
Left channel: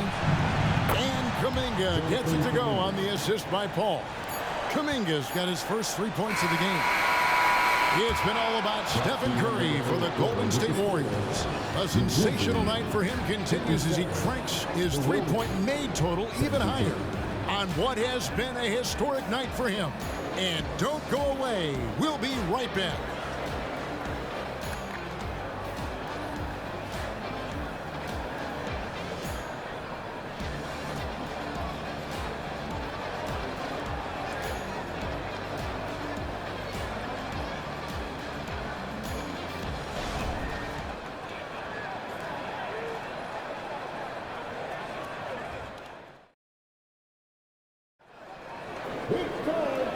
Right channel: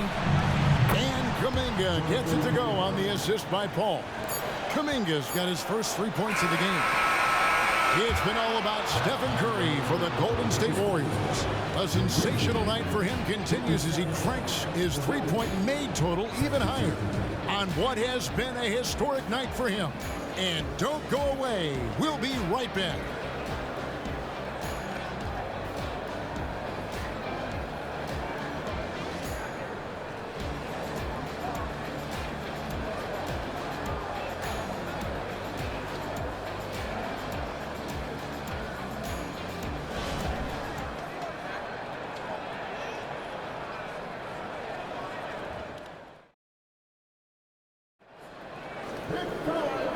And Kuminga gets it to go on the assist by Paul. Kuminga's got his first 3 points of the game. It's been all about Stephen Curry for the Golden State Warriors. A sensational night for him continues as he cranks his three-point made total even higher on what has been a historic night for him. And don't go away. We'll be right back.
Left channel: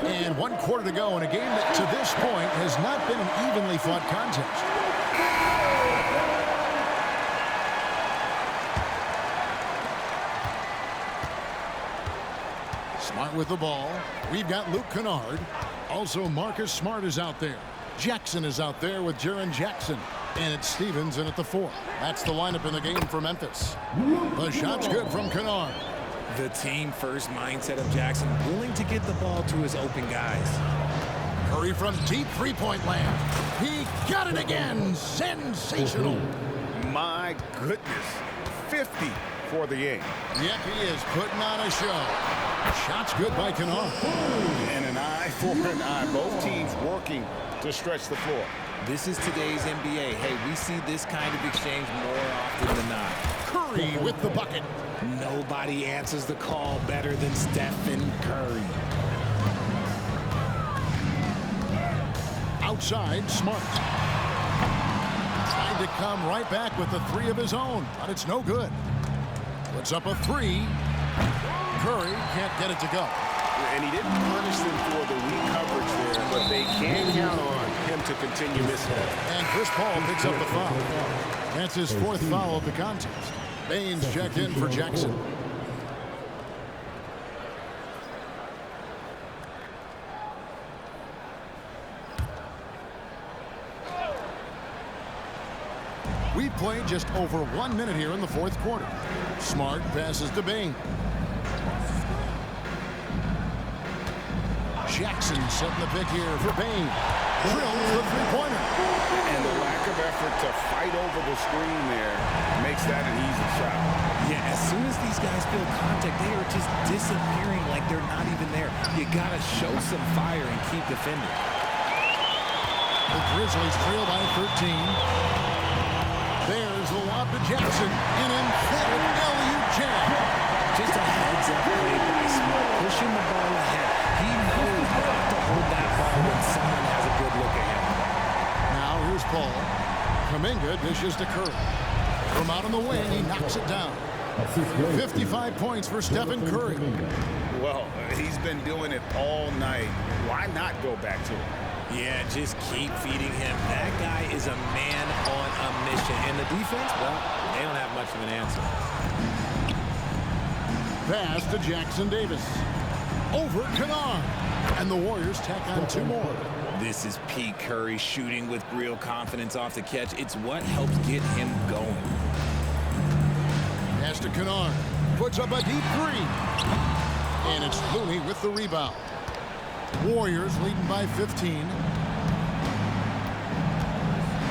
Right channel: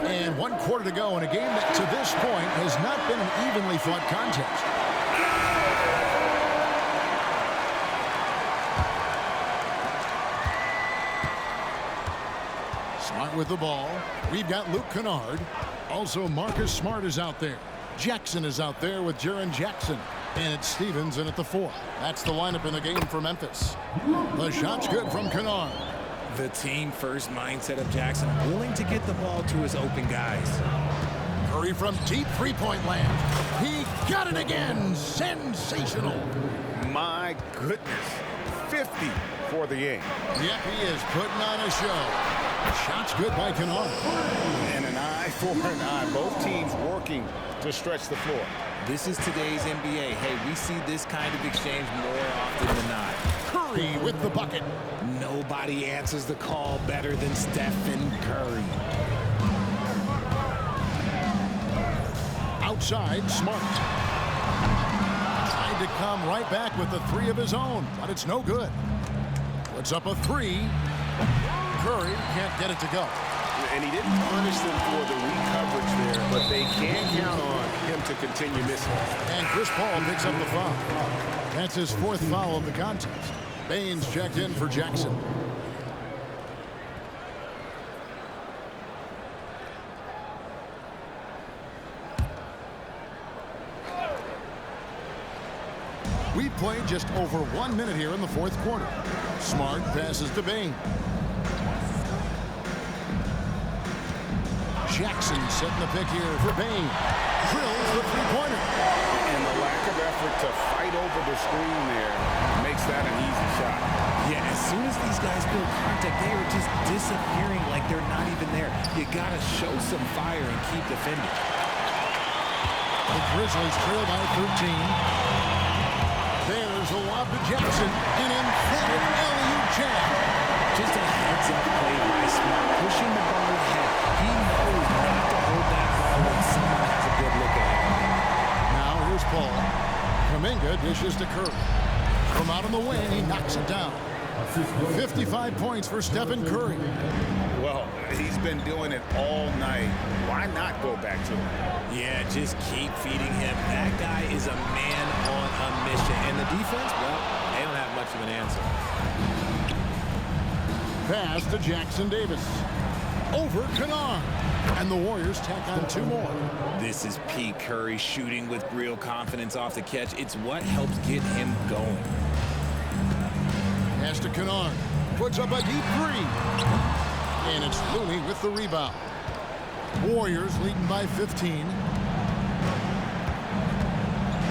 And 1 quarter to go in a game that to this point has not been an evenly fought contest. Smart with the ball. We've got Luke Kennard. Also Marcus Smart is out there. Jackson is out there with Jaren Jackson. And it's Stevens in at the 4. That's the lineup in the game for Memphis. The shot's good from Kennard. The team-first mindset of Jackson, willing to get the ball to his open guys. Curry from deep three-point land. He got it again. Sensational. My goodness. 50 for the game. Yep, he is putting on a show. Shot's good by Kennard. And an eye for an eye. Both teams working to stretch the floor. This is today's NBA. Hey, we see this kind of exchange more often than not. Curry with the bucket. Nobody answers the call better than Stephen Curry. Outside, Smart. Trying to come right back with the 3 of his own, but it's no good. Puts up a 3. Curry can't get it to go. And he didn't punish them for the weak coverage there, but they can count on him to continue missing. And Chris Paul picks up the foul. That's his 4th foul of the contest. Baines checked in for Jackson. We played just over 1 minute here in the 4th quarter. Smart passes to Bain. Jackson setting the pick here for Bain. Drills the three-pointer. And the lack of effort to fight over the screen there makes that an easy shot. Yeah, as soon as these guys feel contact, they are just disappearing like they're not even there. You got to show some fire and keep defending. The Grizzlies trail by 13. There's a lob to Jackson. An emphatic alley-oop jam. Just a heads-up play by Smart, pushing the ball ahead. He knows not to hold that ball when someone has a good look ahead. Now here's Paul. Kuminga dishes to Curry. From out on the wing, he knocks it down. 55 points for Stephen Curry. Well, he's been doing it all night. Why not go back to him? Yeah, just keep feeding him. That guy is a man on a mission. And the defense, well, they don't have much of an answer. Pass to Jackson Davis. Over Kennard. And the Warriors tack on 2 more. This is Pete Curry shooting with real confidence off the catch. It's what helps get him going. Pass to Kennard. Puts up a deep 3. And it's Looney with the rebound. Warriors leading by 15.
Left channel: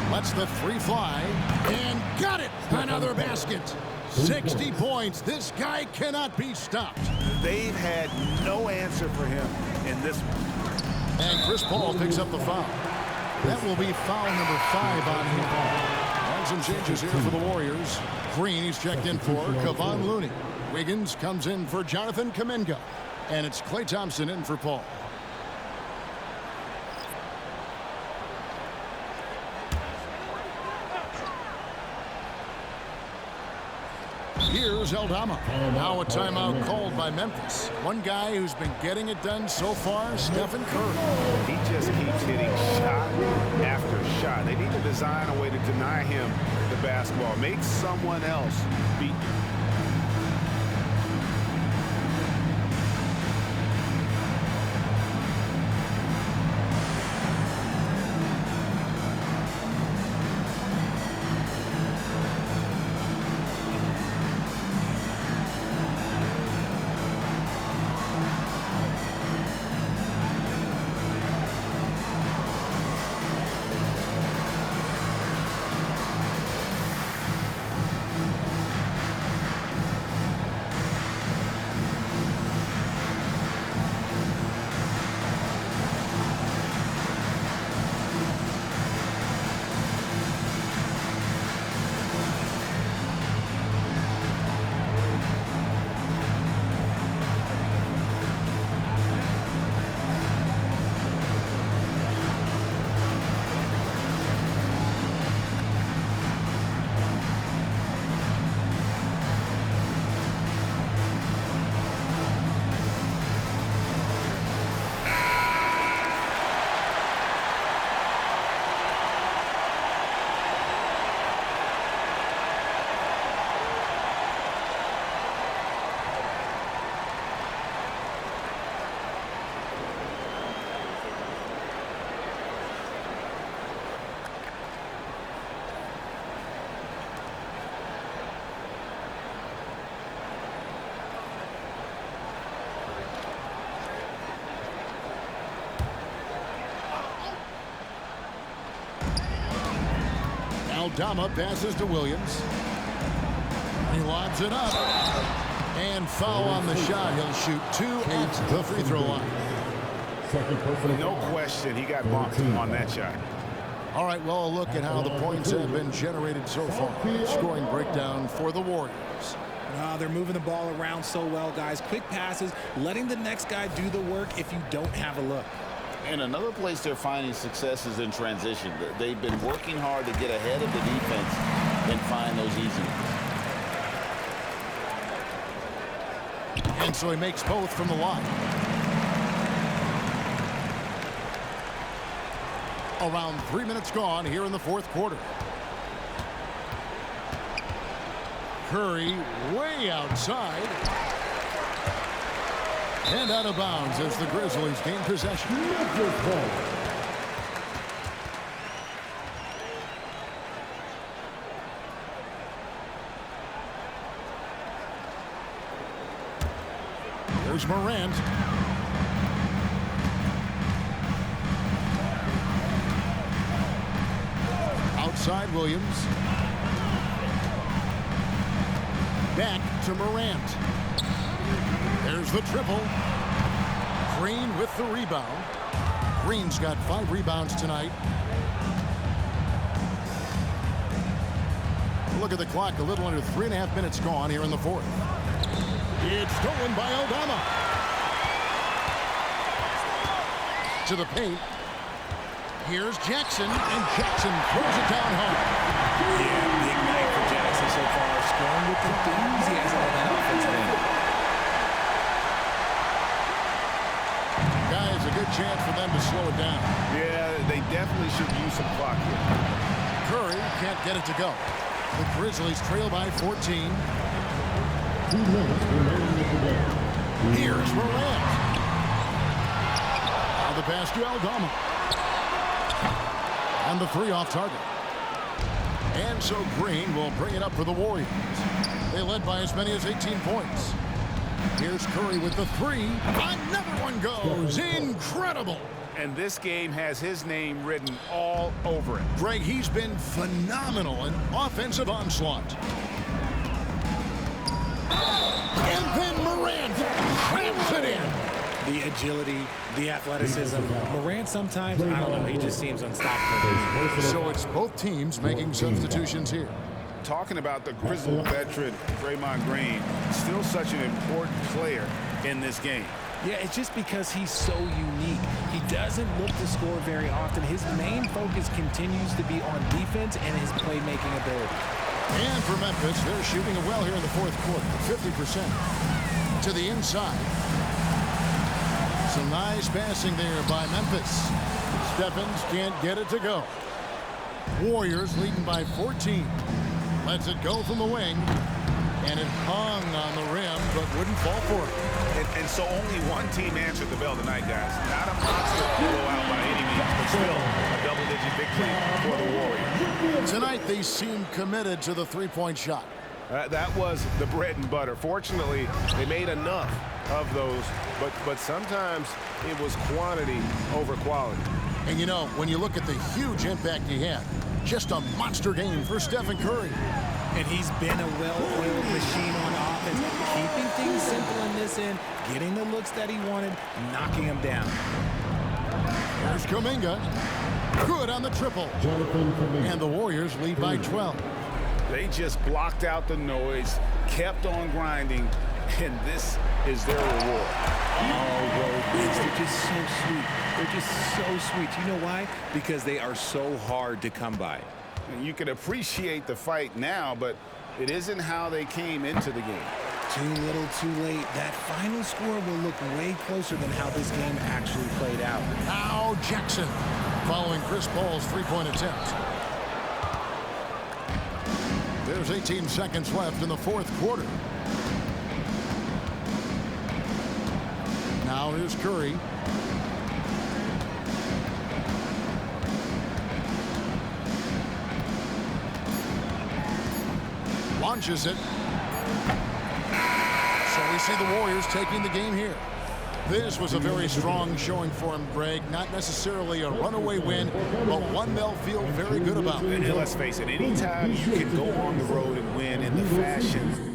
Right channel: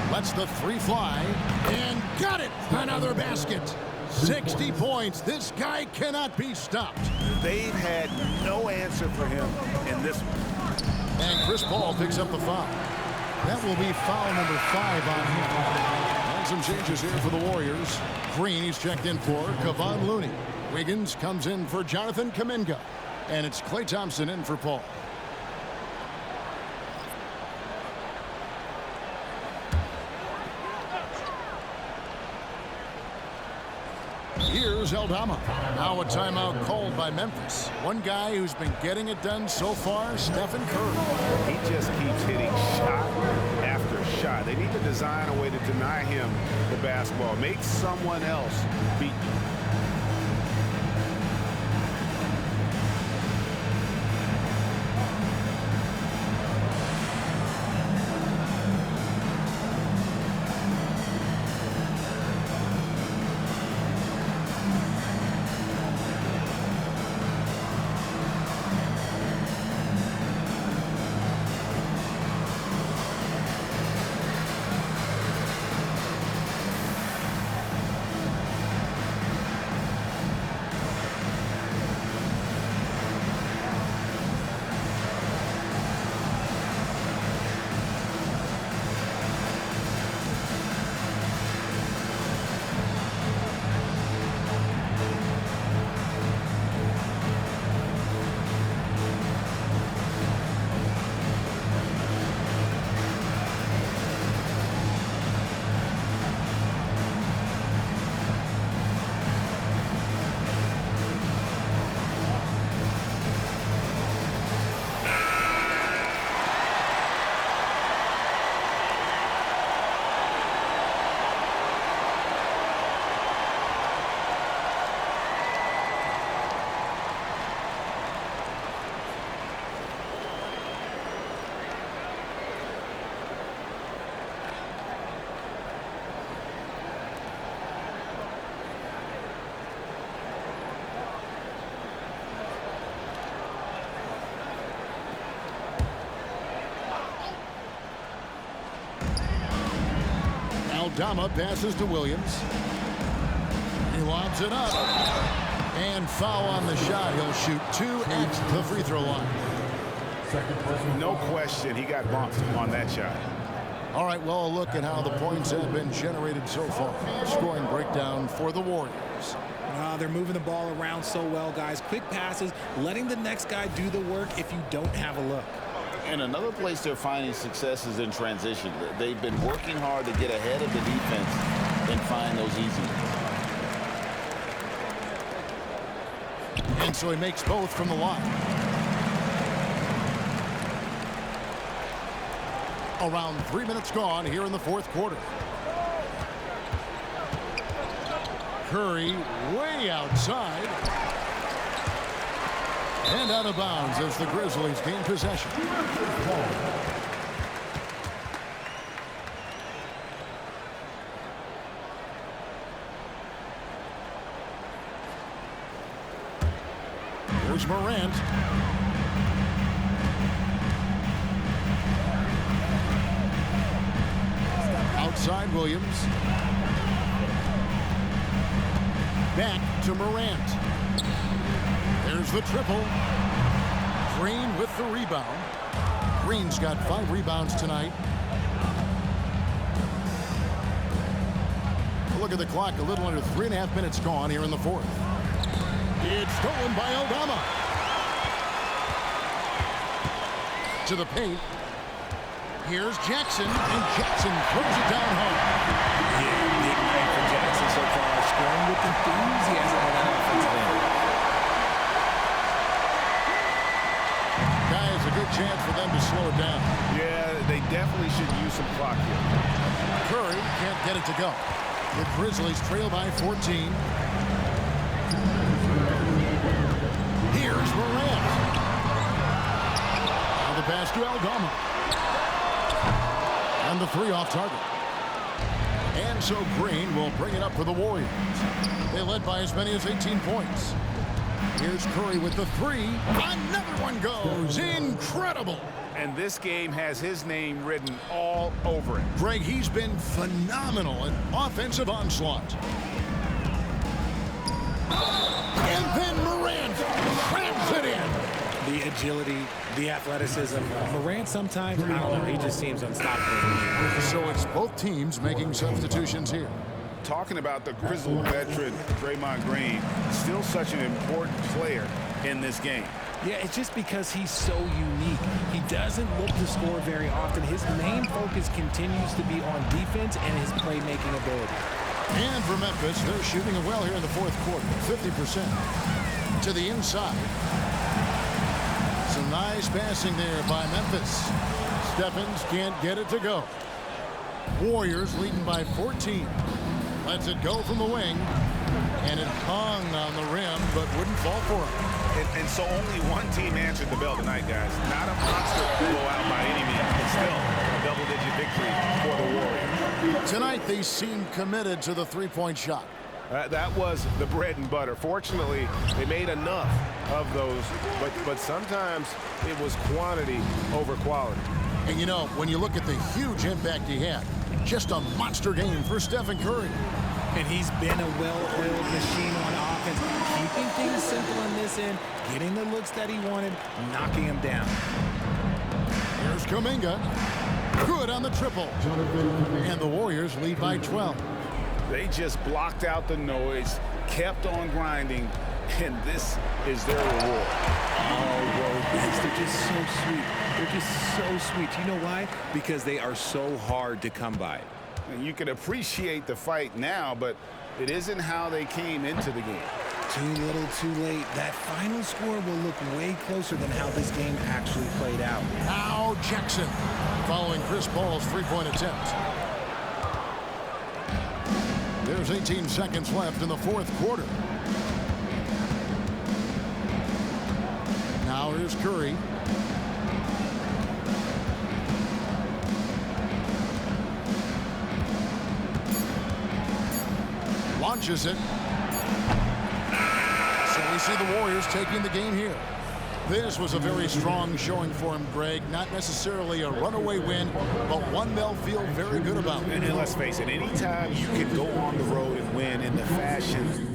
Lets the 3 fly. And got it! Another basket. 60 points. This guy cannot be stopped. They've had no answer for him in this one. And Chris Paul picks up the foul. That will be foul number 5 on him. And some changes here for the Warriors. Green he's checked in for Kevon Looney. Wiggins comes in for Jonathan Kuminga. And it's Klay Thompson in for Paul. Here's Aldama. Now a timeout called by Memphis. One guy who's been getting it done so far, Stephen Curry. He just keeps hitting shot after shot. They need to design a way to deny him the basketball. Make someone else beat you. Aldama passes to Williams. He lobs it up. And foul on the shot. He'll shoot 2 at the free throw line. No question, he got bumped on that shot. All right, well, a look at how the points have been generated so far. Scoring breakdown for the Warriors. They're moving the ball around so well, guys. Quick passes, letting the next guy do the work if you don't have a look. And another place they're finding success is in transition. They've been working hard to get ahead of the defense and find those easy ones. And so he makes both from the line. Around 3 minutes gone here in the 4th quarter. Curry way outside. And out of bounds as the Grizzlies gain possession. Here's Morant. Outside Williams. Back to Morant. There's the triple. Green with the rebound. Green's got 5 rebounds tonight. Look at the clock. A little under 3.5 minutes gone here in the 4th. It's stolen by Aldama. To the paint. Here's Jackson, and Jackson throws it down home. Yeah, big night for Jackson so far, scoring with enthusiasm on that offensive end. Guy, it's a good chance for them to slow it down. Yeah, they definitely should use some clock here. Curry can't get it to go. The Grizzlies trail by 14. Here's Morant. Now the pass to Aldama. And the three off target. And so Green will bring it up for the Warriors. They led by as many as 18 points. Here's Curry with the three. Another one goes. Incredible. And this game has his name written all over it. Greg, he's been phenomenal in offensive onslaught. And then Morant slams it in. The agility, the athleticism. Morant sometimes, I don't know, he just seems unstoppable. So it's both teams making substitutions here. Talking about the Grizzly veteran, Draymond Green, still such an important player in this game. Yeah, it's just because he's so unique. He doesn't look to score very often. His main focus continues to be on defense and his playmaking ability. And for Memphis, they're shooting it well here in the fourth quarter, 50%. To the inside. Some nice passing there by Memphis. Stephens can't get it to go. Warriors leading by 14. Lets it go from the wing. And it hung on the rim, but wouldn't fall for him. And so only one team answered the bell tonight, guys. Not a monster blowout by any means, but still a double-digit victory for the Warriors. Tonight, they seem committed to the three-point shot. That was the bread and butter. Fortunately, they made enough of those, but sometimes it was quantity over quality. And, you know, when you look at the huge impact he had, just a monster game for Stephen Curry. And he's been a well-oiled machine on offense, keeping things simple in this end, getting the looks that he wanted, knocking him down. Here's Kuminga. Good on the triple. And the Warriors lead by 12. They just blocked out the noise, kept on grinding, and this is their reward. Oh, road bigs, they're just so sweet. They're just so sweet. You know why? Because they are so hard to come by. And you can appreciate the fight now, but it isn't how they came into the game. Too little, too late. That final score will look way closer than how this game actually played out. Now Jackson following Chris Paul's three-point attempt. There's 18 seconds left in the fourth quarter. Now here's Curry. Launches it. So we see the Warriors taking the game here. This was a very strong showing for him, Greg. Not necessarily a runaway win, but one they'll feel very good about. And let's face it, anytime you can go on the road and win in the fashion